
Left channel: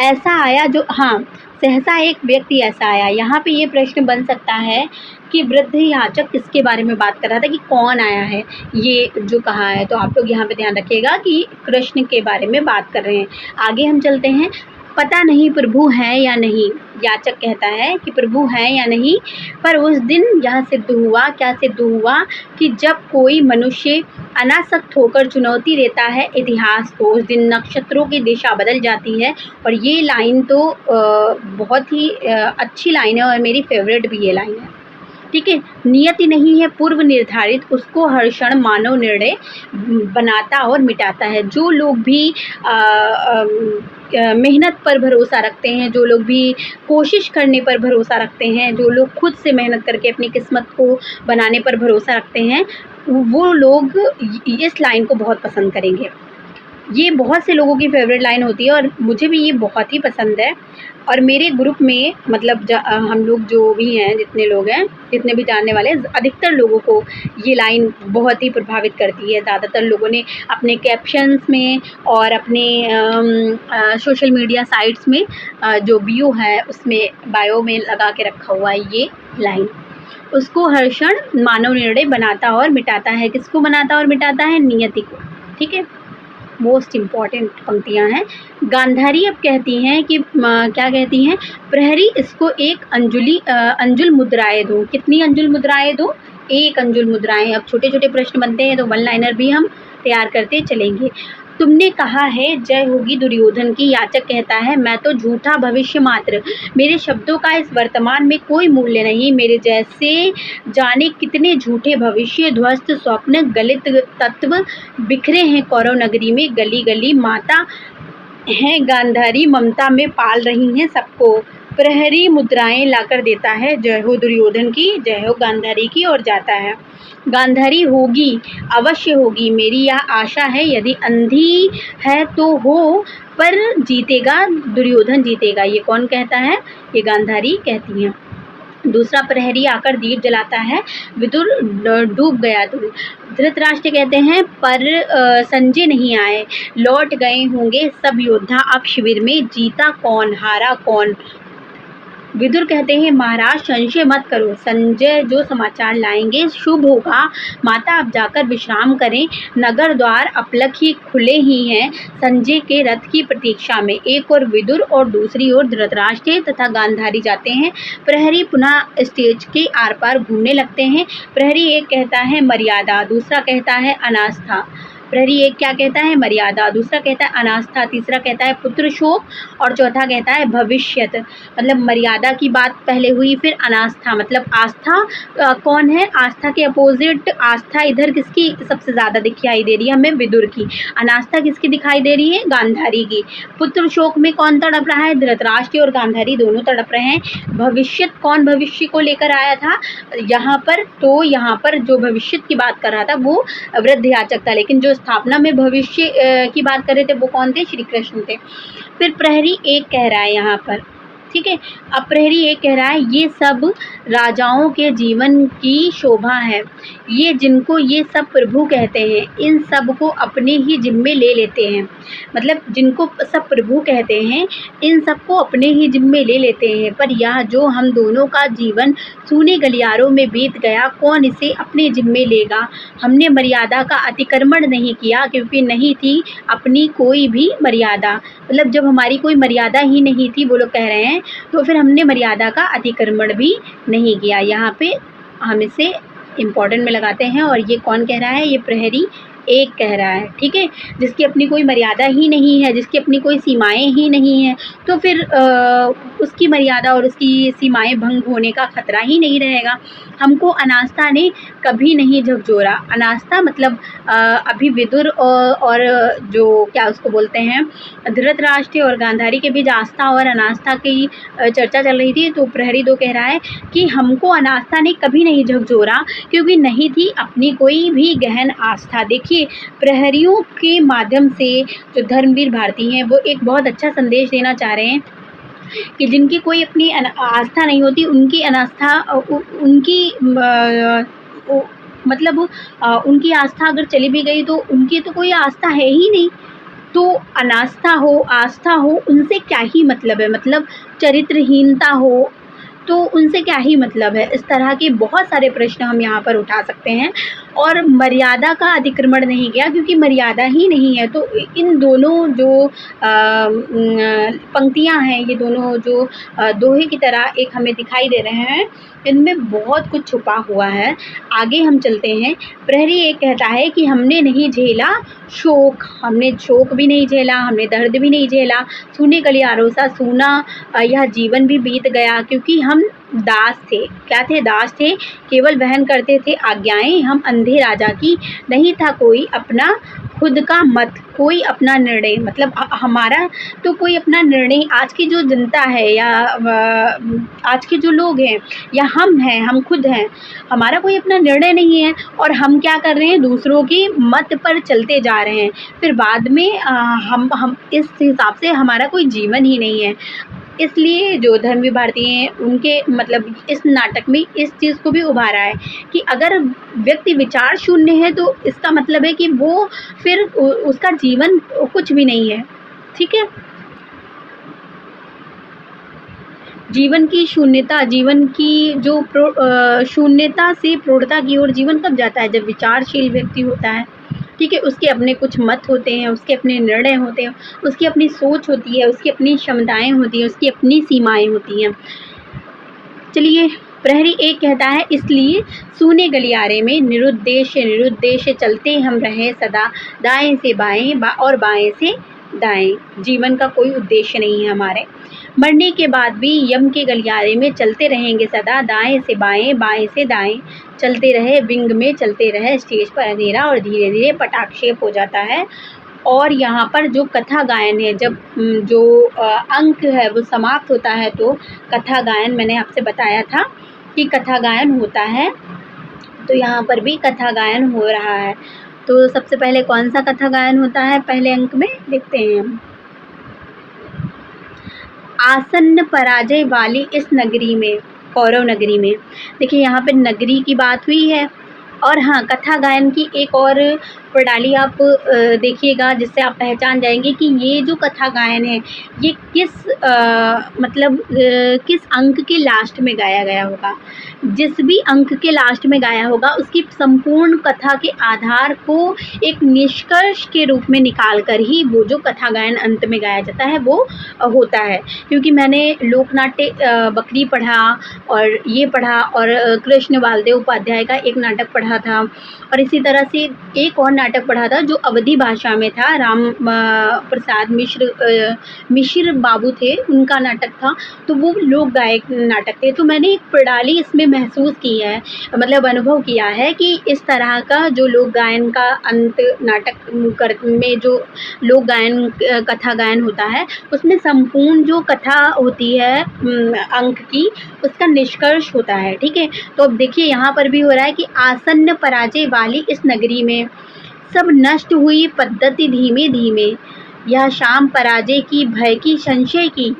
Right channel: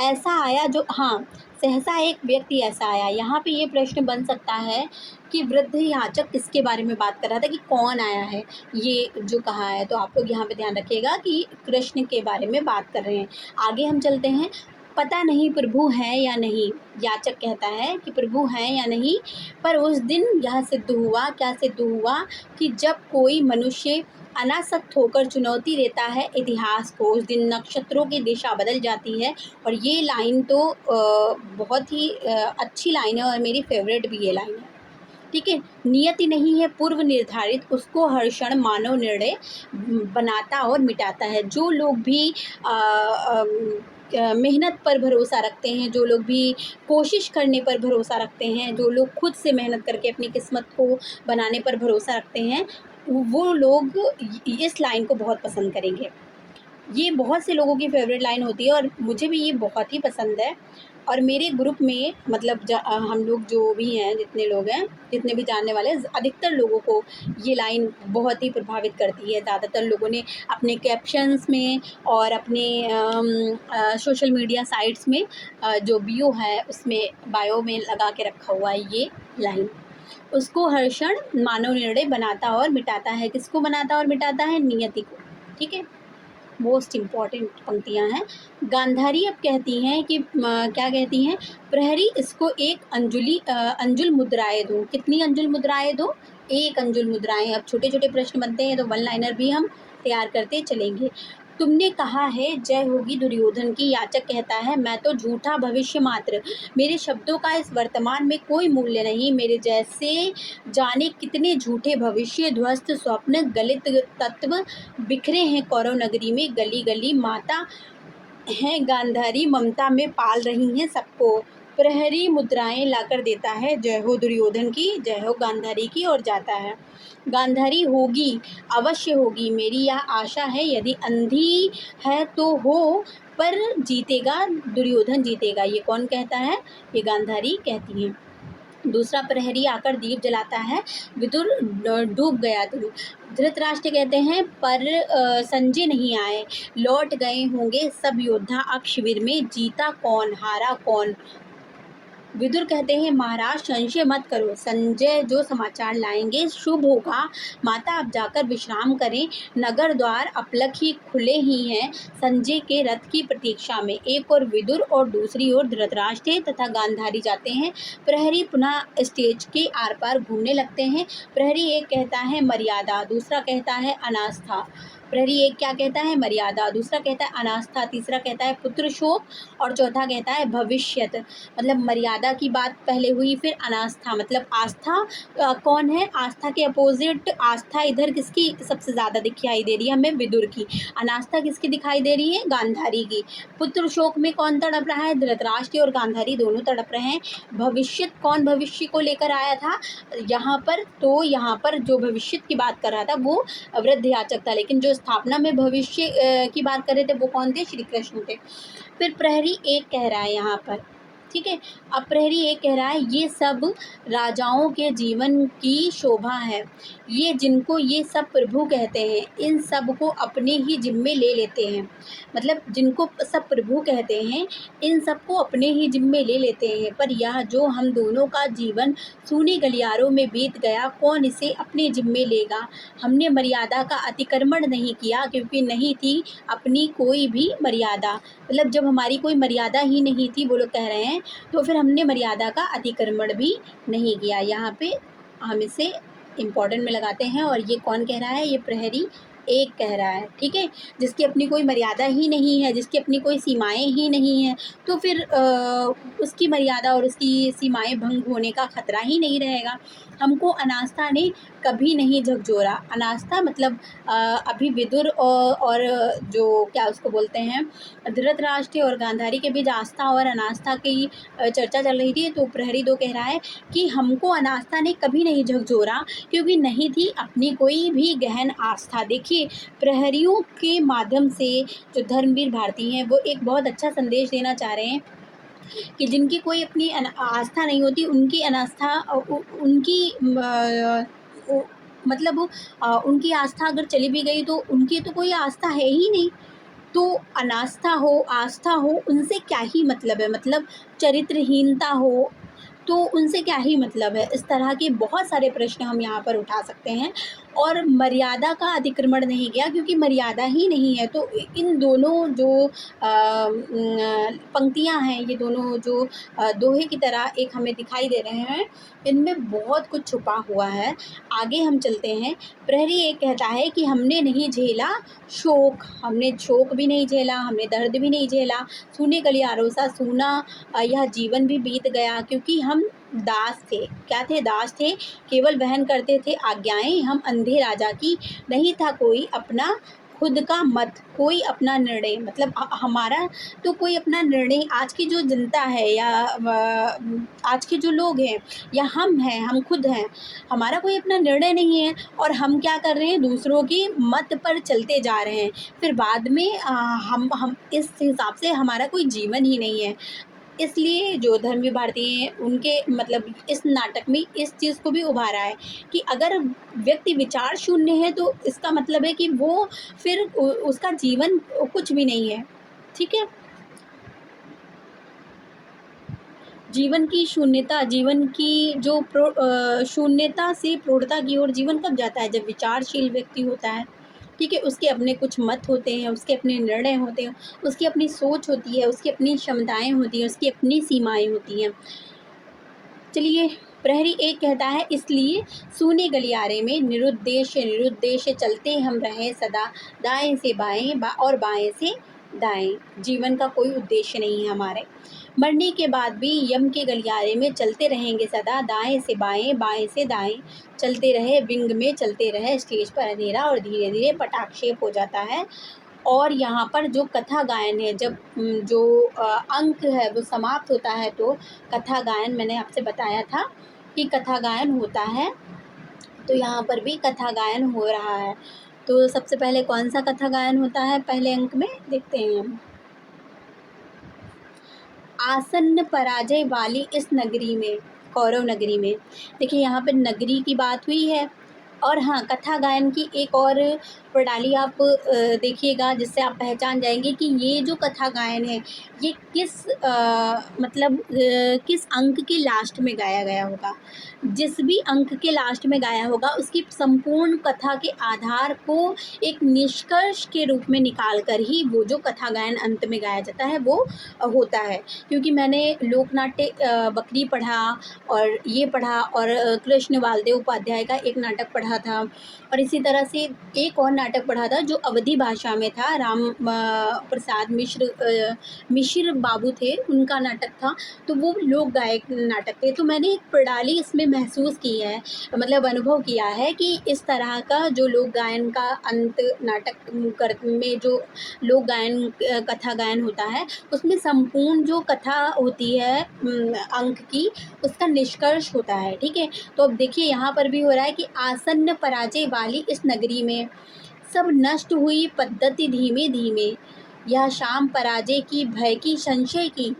ऐसा आया जो, हाँ, सहसा एक व्यक्ति ऐसा आया। यहाँ पे ये प्रश्न बन सकता है कि वृद्ध याचक किसके बारे में बात कर रहा था, कि कौन आया है ये जो कहा है। तो आप लोग यहाँ पे ध्यान रखिएगा कि कृष्ण के बारे में बात कर रहे हैं। आगे हम चलते हैं। पता नहीं प्रभु हैं या नहीं, याचक कहता है कि प्रभु हैं या नहीं, पर उस दिन यह सिद्ध हुआ, क्या सिद्ध हुआ, कि जब कोई मनुष्य अनासक्त होकर चुनौती देता है इतिहास को, उस दिन नक्षत्रों की दिशा बदल जाती है। और ये लाइन तो बहुत ही अच्छी लाइन है और मेरी फेवरेट भी ये लाइन है, ठीक है। नियति नहीं है पूर्व निर्धारित, उसको हर क्षण मानव निर्णय बनाता और मिटाता है। जो लोग भी मेहनत पर भरोसा रखते हैं, जो लोग भी कोशिश करने पर भरोसा रखते हैं, जो लोग खुद से मेहनत करके अपनी किस्मत को बनाने पर भरोसा रखते हैं, वो लोग इस लाइन को बहुत पसंद करेंगे। ये बहुत से लोगों की फ़ेवरेट लाइन होती है और मुझे भी ये बहुत ही पसंद है। और मेरे ग्रुप में मतलब हम लोग जो भी हैं, जितने लोग हैं, जितने भी जानने वाले हैं, अधिकतर लोगों को ये लाइन बहुत ही प्रभावित करती है। ज़्यादातर लोगों ने अपने कैप्शंस में और अपने सोशल मीडिया साइट्स में जो व्यू है उसमें बायो में लगा के रखा हुआ है ये लाइन। उसको हर क्षण मानव निर्णय बनाता और मिटाता है। किसको बनाता और मिटाता है? नियति को। ठीक है, मोस्ट इम्पॉर्टेंट पंक्तियाँ हैं। गांधारी अब कहती हैं कि क्या कहती हैं? प्रहरी इसको एक अंजुल मुद्राएँ दो। कितनी अंजुल मुद्राएँ दो? 1 अंजुल मुद्राएँ। अब छोटे-छोटे प्रश्न बनते हैं तो वन लाइनर भी हम तैयार करते चलेंगे। तुमने कहा है जय होगी दुर्योधन की, याचक कहता है मैं तो झूठा भविष्य मात्र, मेरे शब्दों का इस वर्तमान में कोई मूल्य नहीं, मेरे जैसे जाने कितने झूठे भविष्य, ध्वस्त स्वप्न, गलित तत्व बिखरे हैं कौरव नगरी में, गली गली माता हैं गांधारी ममता में पाल रही हैं सबको। प्रहरी मुद्राएं लाकर देता है, जय हो दुर्योधन की, जय हो गांधारी की, और जाता है। गांधारी होगी, अवश्य होगी, मेरी यह आशा है, यदि अंधी है तो हो, पर जीतेगा दुर्योधन जीतेगा। ये कौन कहता है? ये गांधारी कहती हैं। दूसरा प्रहरी आकर दीप जलाता है, विदुर डूब गया तुम। धृतराष्ट्र कहते हैं पर संजय नहीं आए, लौट गए होंगे सब योद्धा अब शिविर में, जीता कौन हारा कौन। विदुर कहते हैं महाराज संशय मत करो, संजय जो समाचार लाएंगे शुभ होगा, माता अब जाकर विश्राम करें, नगर द्वार अपलक ही खुले ही हैं संजय के रथ की प्रतीक्षा में। एक और विदुर और दूसरी ओर धृतराष्ट्र तथा गांधारी जाते हैं। प्रहरी पुनः स्टेज के आर पार घूमने लगते हैं। प्रहरी एक कहता है मर्यादा, दूसरा कहता है अनास्था। प्रहरी एक क्या कहता है? मर्यादा, दूसरा कहता है अनास्था, तीसरा कहता है पुत्र शोक, और चौथा कहता है भविष्यत। मतलब मर्यादा की बात पहले हुई, फिर अनास्था मतलब आस्था कौन है? आस्था के अपोजिट आस्था इधर किसकी सबसे ज़्यादा दिखाई दे रही है हमें? विदुर की। अनास्था किसकी दिखाई दे रही है? गांधारी की। पुत्र शोक में कौन तड़प रहा है? धृतराष्ट्र और गांधारी दोनों तड़प रहे हैं। भविष्यत कौन भविष्य को लेकर आया था यहाँ पर? तो यहाँ पर जो भविष्य की बात कर रहा था वो वृद्ध याचक था, लेकिन जो स्थापना में भविष्य की बात कर रहे थे वो कौन थे? श्री कृष्ण थे। फिर प्रहरी एक कह रहा है यहाँ पर, ठीक है। अब प्रहरी एक कह रहा है ये सब राजाओं के जीवन की शोभा है, ये जिनको ये सब प्रभु कहते हैं इन सब को अपने ही जिम्मे ले लेते हैं। मतलब जिनको सब प्रभु कहते हैं इन सब को अपने ही जिम्मे ले लेते हैं, पर यह जो हम दोनों का जीवन सूने गलियारों में बीत गया कौन इसे अपने जिम्मे लेगा। हमने मर्यादा का अतिक्रमण नहीं किया क्योंकि नहीं थी अपनी कोई भी मर्यादा। मतलब जब हमारी कोई मर्यादा ही नहीं थी, वो लोग कह रहे हैं, तो फिर हमने मर्यादा का अतिक्रमण भी नहीं किया। यहाँ पे हम इसे इम्पोर्टेंट में लगाते हैं। और ये कौन कह रहा है? ये प्रहरी एक कह रहा है, ठीक है। जिसकी अपनी कोई मर्यादा ही नहीं है, जिसकी अपनी कोई सीमाएं ही नहीं हैं, तो फिर उसकी मर्यादा और उसकी सीमाएं भंग होने का खतरा ही नहीं रहेगा। हमको अनास्था ने कभी नहीं झकझोरा। अनास्था मतलब अभी विदुर और जो क्या उसको बोलते हैं धृतराष्ट्र और गांधारी के बीच आस्था और अनास्था की चर्चा चल रही थी। तो प्रहरी दो कह रहा है कि हमको अनास्था ने कभी नहीं झकझोरा क्योंकि नहीं थी अपनी कोई भी गहन आस्था। देखिए प्रहरियों के माध्यम से जो धर्मवीर भारती हैं वो एक बहुत अच्छा संदेश देना चाह रहे हैं कि जिनकी कोई अपनी आस्था नहीं होती, उनकी अनास्था उनकी मतलब उनकी आस्था अगर चली भी गई तो उनकी तो कोई आस्था है ही नहीं। तो अनास्था हो आस्था हो उनसे क्या ही मतलब है, मतलब चरित्रहीनता हो तो उनसे क्या ही मतलब है। इस तरह के बहुत सारे प्रश्न हम यहाँ पर उठा सकते हैं। और मर्यादा का अतिक्रमण नहीं किया क्योंकि मर्यादा ही नहीं है। तो इन दोनों जो पंक्तियाँ हैं, ये दोनों जो दोहे की तरह एक हमें दिखाई दे रहे हैं, इनमें बहुत कुछ छुपा हुआ है। आगे हम चलते हैं। प्रहरी एक कहता है कि हमने नहीं झेला शोक, हमने शोक भी नहीं झेला, हमने दर्द भी नहीं झेला, सूने गलियारों सा सूना यह जीवन भी बीत गया क्योंकि हम दास थे। क्या थे? दास थे, केवल वहन करते थे आज्ञाएं हम अंधे राजा की, नहीं था कोई अपना खुद का मत, कोई अपना निर्णय, मतलब हमारा तो कोई अपना निर्णय, आज की जो जनता है या आज के जो लोग हैं या हम हैं, हम खुद हैं, हमारा कोई अपना निर्णय नहीं है और हम क्या कर रहे हैं, दूसरों की मत पर चलते जा रहे हैं। फिर बाद में हम इस हिसाब से हमारा कोई जीवन ही नहीं है। इसलिए जो धर्मवीर भारती हैं उनके मतलब इस नाटक में इस चीज़ को भी उभारा है कि अगर व्यक्ति विचार शून्य है तो इसका मतलब है कि वो फिर उसका जीवन कुछ भी नहीं है। ठीक है, जीवन की शून्यता, जीवन की जो शून्यता से प्रौढ़ता की ओर जीवन कब जाता है, जब विचारशील व्यक्ति होता है। ठीक है, उसके अपने कुछ मत होते हैं, उसके अपने निर्णय होते हैं, उसकी अपनी सोच होती है, उसकी अपनी क्षमताएं होती हैं, उसकी अपनी सीमाएं होती हैं। चलिए, प्रहरी एक कहता है, इसलिए सूने गलियारे में निरुद्देश्य चलते हम रहे सदा, दाएं से बाएं और बाएं से दाएं। जीवन का कोई उद्देश्य नहीं है हमारे, मरने के बाद भी यम के गलियारे में चलते रहेंगे सदा, दाएं से बाएं बाएं से दाएं। चलते रहे विंग में चलते रहे, स्टेज पर अंधेरा और धीरे धीरे पटाक्षेप हो जाता है। और यहाँ पर जो कथा गायन है, जब जो अंक है वो समाप्त होता है तो कथा गायन, मैंने आपसे बताया था कि कथा गायन होता है, तो यहाँ पर भी कथा गायन हो रहा है। तो सबसे पहले कौन सा कथा गायन होता है, पहले अंक में देखते हैं हम। आसन्न पराजय वाली इस नगरी में, कौरव नगरी में। देखिए यहाँ पे नगरी की बात हुई है। और हाँ, कथा गायन की एक और प्रणाली आप देखिएगा, जिससे आप पहचान जाएंगे कि ये जो कथा गायन है ये किस मतलब किस अंक के लास्ट में गाया गया होगा। जिस भी अंक के लास्ट में गाया होगा उसकी संपूर्ण कथा के आधार को एक निष्कर्ष के रूप में निकाल कर ही वो जो कथा गायन अंत में गाया जाता है वो होता है। क्योंकि मैंने लोकनाट्य बकरी पढ़ा और ये पढ़ा और कृष्ण बालदेव उपाध्याय का एक नाटक पढ़ा था, और इसी तरह से एक और नाटक पढ़ा था जो अवधी भाषा में था, राम प्रसाद मिश्र बाबू थे, उनका नाटक था। तो वो लोक गायक नाटक थे। तो मैंने एक प्रणाली इसमें महसूस की है, मतलब अनुभव किया है कि इस तरह का जो लोक गायन का अंत नाटक में जो लोक गायन कथा गायन होता है उसमें संपूर्ण जो कथा होती है अंक की, उसका निष्कर्ष होता है। ठीक है, तो अब देखिए यहाँ पर भी हो रहा है कि आसन्न पराजय वाली इस नगरी में सब नष्ट हुई पद्धति धीमे धीमे, यह शाम पराजय की भय की संशय की,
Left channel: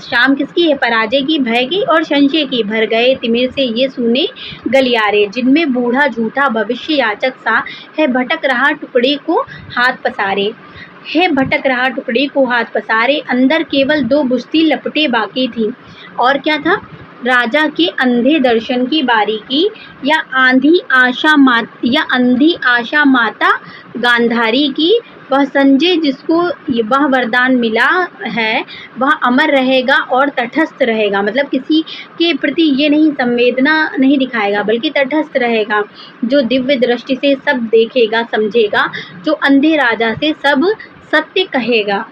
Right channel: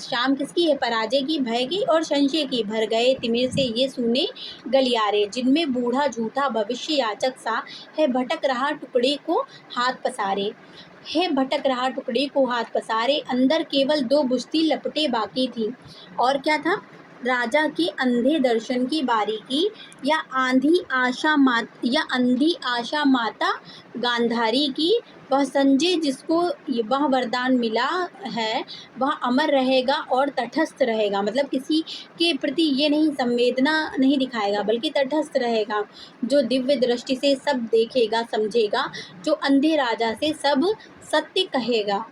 शाम किसकी है, पराजय की, भय की और संशय की। भर गए तिमिर से ये सूने गलियारे, जिनमें बूढ़ा झूठा भविष्य याचक सा है भटक रहा टुकड़े को हाथ पसारे, है भटक रहा टुकड़े को हाथ पसारे। अंदर केवल दो बुश्ती लपटे बाकी थी, और क्या था, राजा के अंधे दर्शन की बारीकी, या अंधी आशा माता गांधारी की। वह संजय जिसको वह वरदान मिला है वह अमर रहेगा और तटस्थ रहेगा, मतलब किसी के प्रति ये नहीं संवेदना नहीं दिखाएगा बल्कि तटस्थ रहेगा, जो दिव्य दृष्टि से सब देखेगा समझेगा, जो अंधे राजा से सब सत्य कहेगा।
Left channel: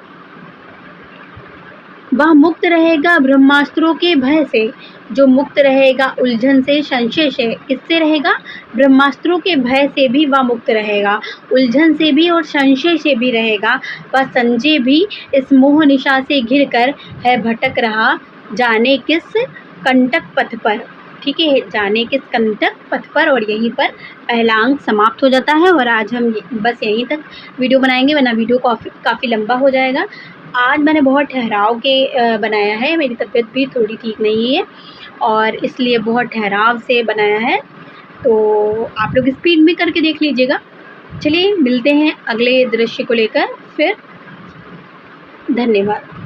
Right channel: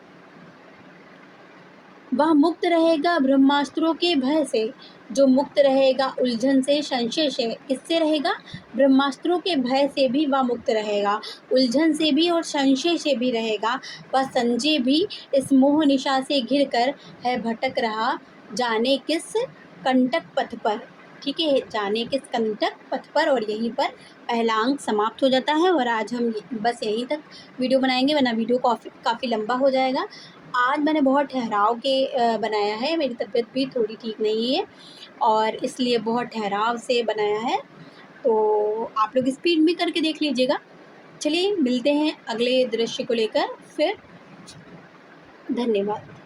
वह मुक्त रहेगा ब्रह्मास्त्रों के भय से, जो मुक्त रहेगा उलझन से संशय से। किससे रहेगा, ब्रह्मास्त्रों के भय से भी वह मुक्त रहेगा, उलझन से भी और संशय से भी रहेगा। वह संजय भी इस मोह निशा से घिरकर है भटक रहा, जाने किस कंटक पथ पर। ठीक है, जाने किस कंटक पथ पर। और यहीं पर पहला अंक समाप्त हो जाता है। और आज हम बस यहीं तक वीडियो बनाएंगे, वरना वीडियो काफ़ी लंबा हो जाएगा। आज मैंने बहुत ठहराव के बनाया है, मेरी तबीयत भी थोड़ी ठीक नहीं है और इसलिए बहुत ठहराव से बनाया है, तो आप लोग स्पीड में करके देख लीजिएगा। चलिए मिलते हैं अगले दृश्य को लेकर फिर। धन्यवाद।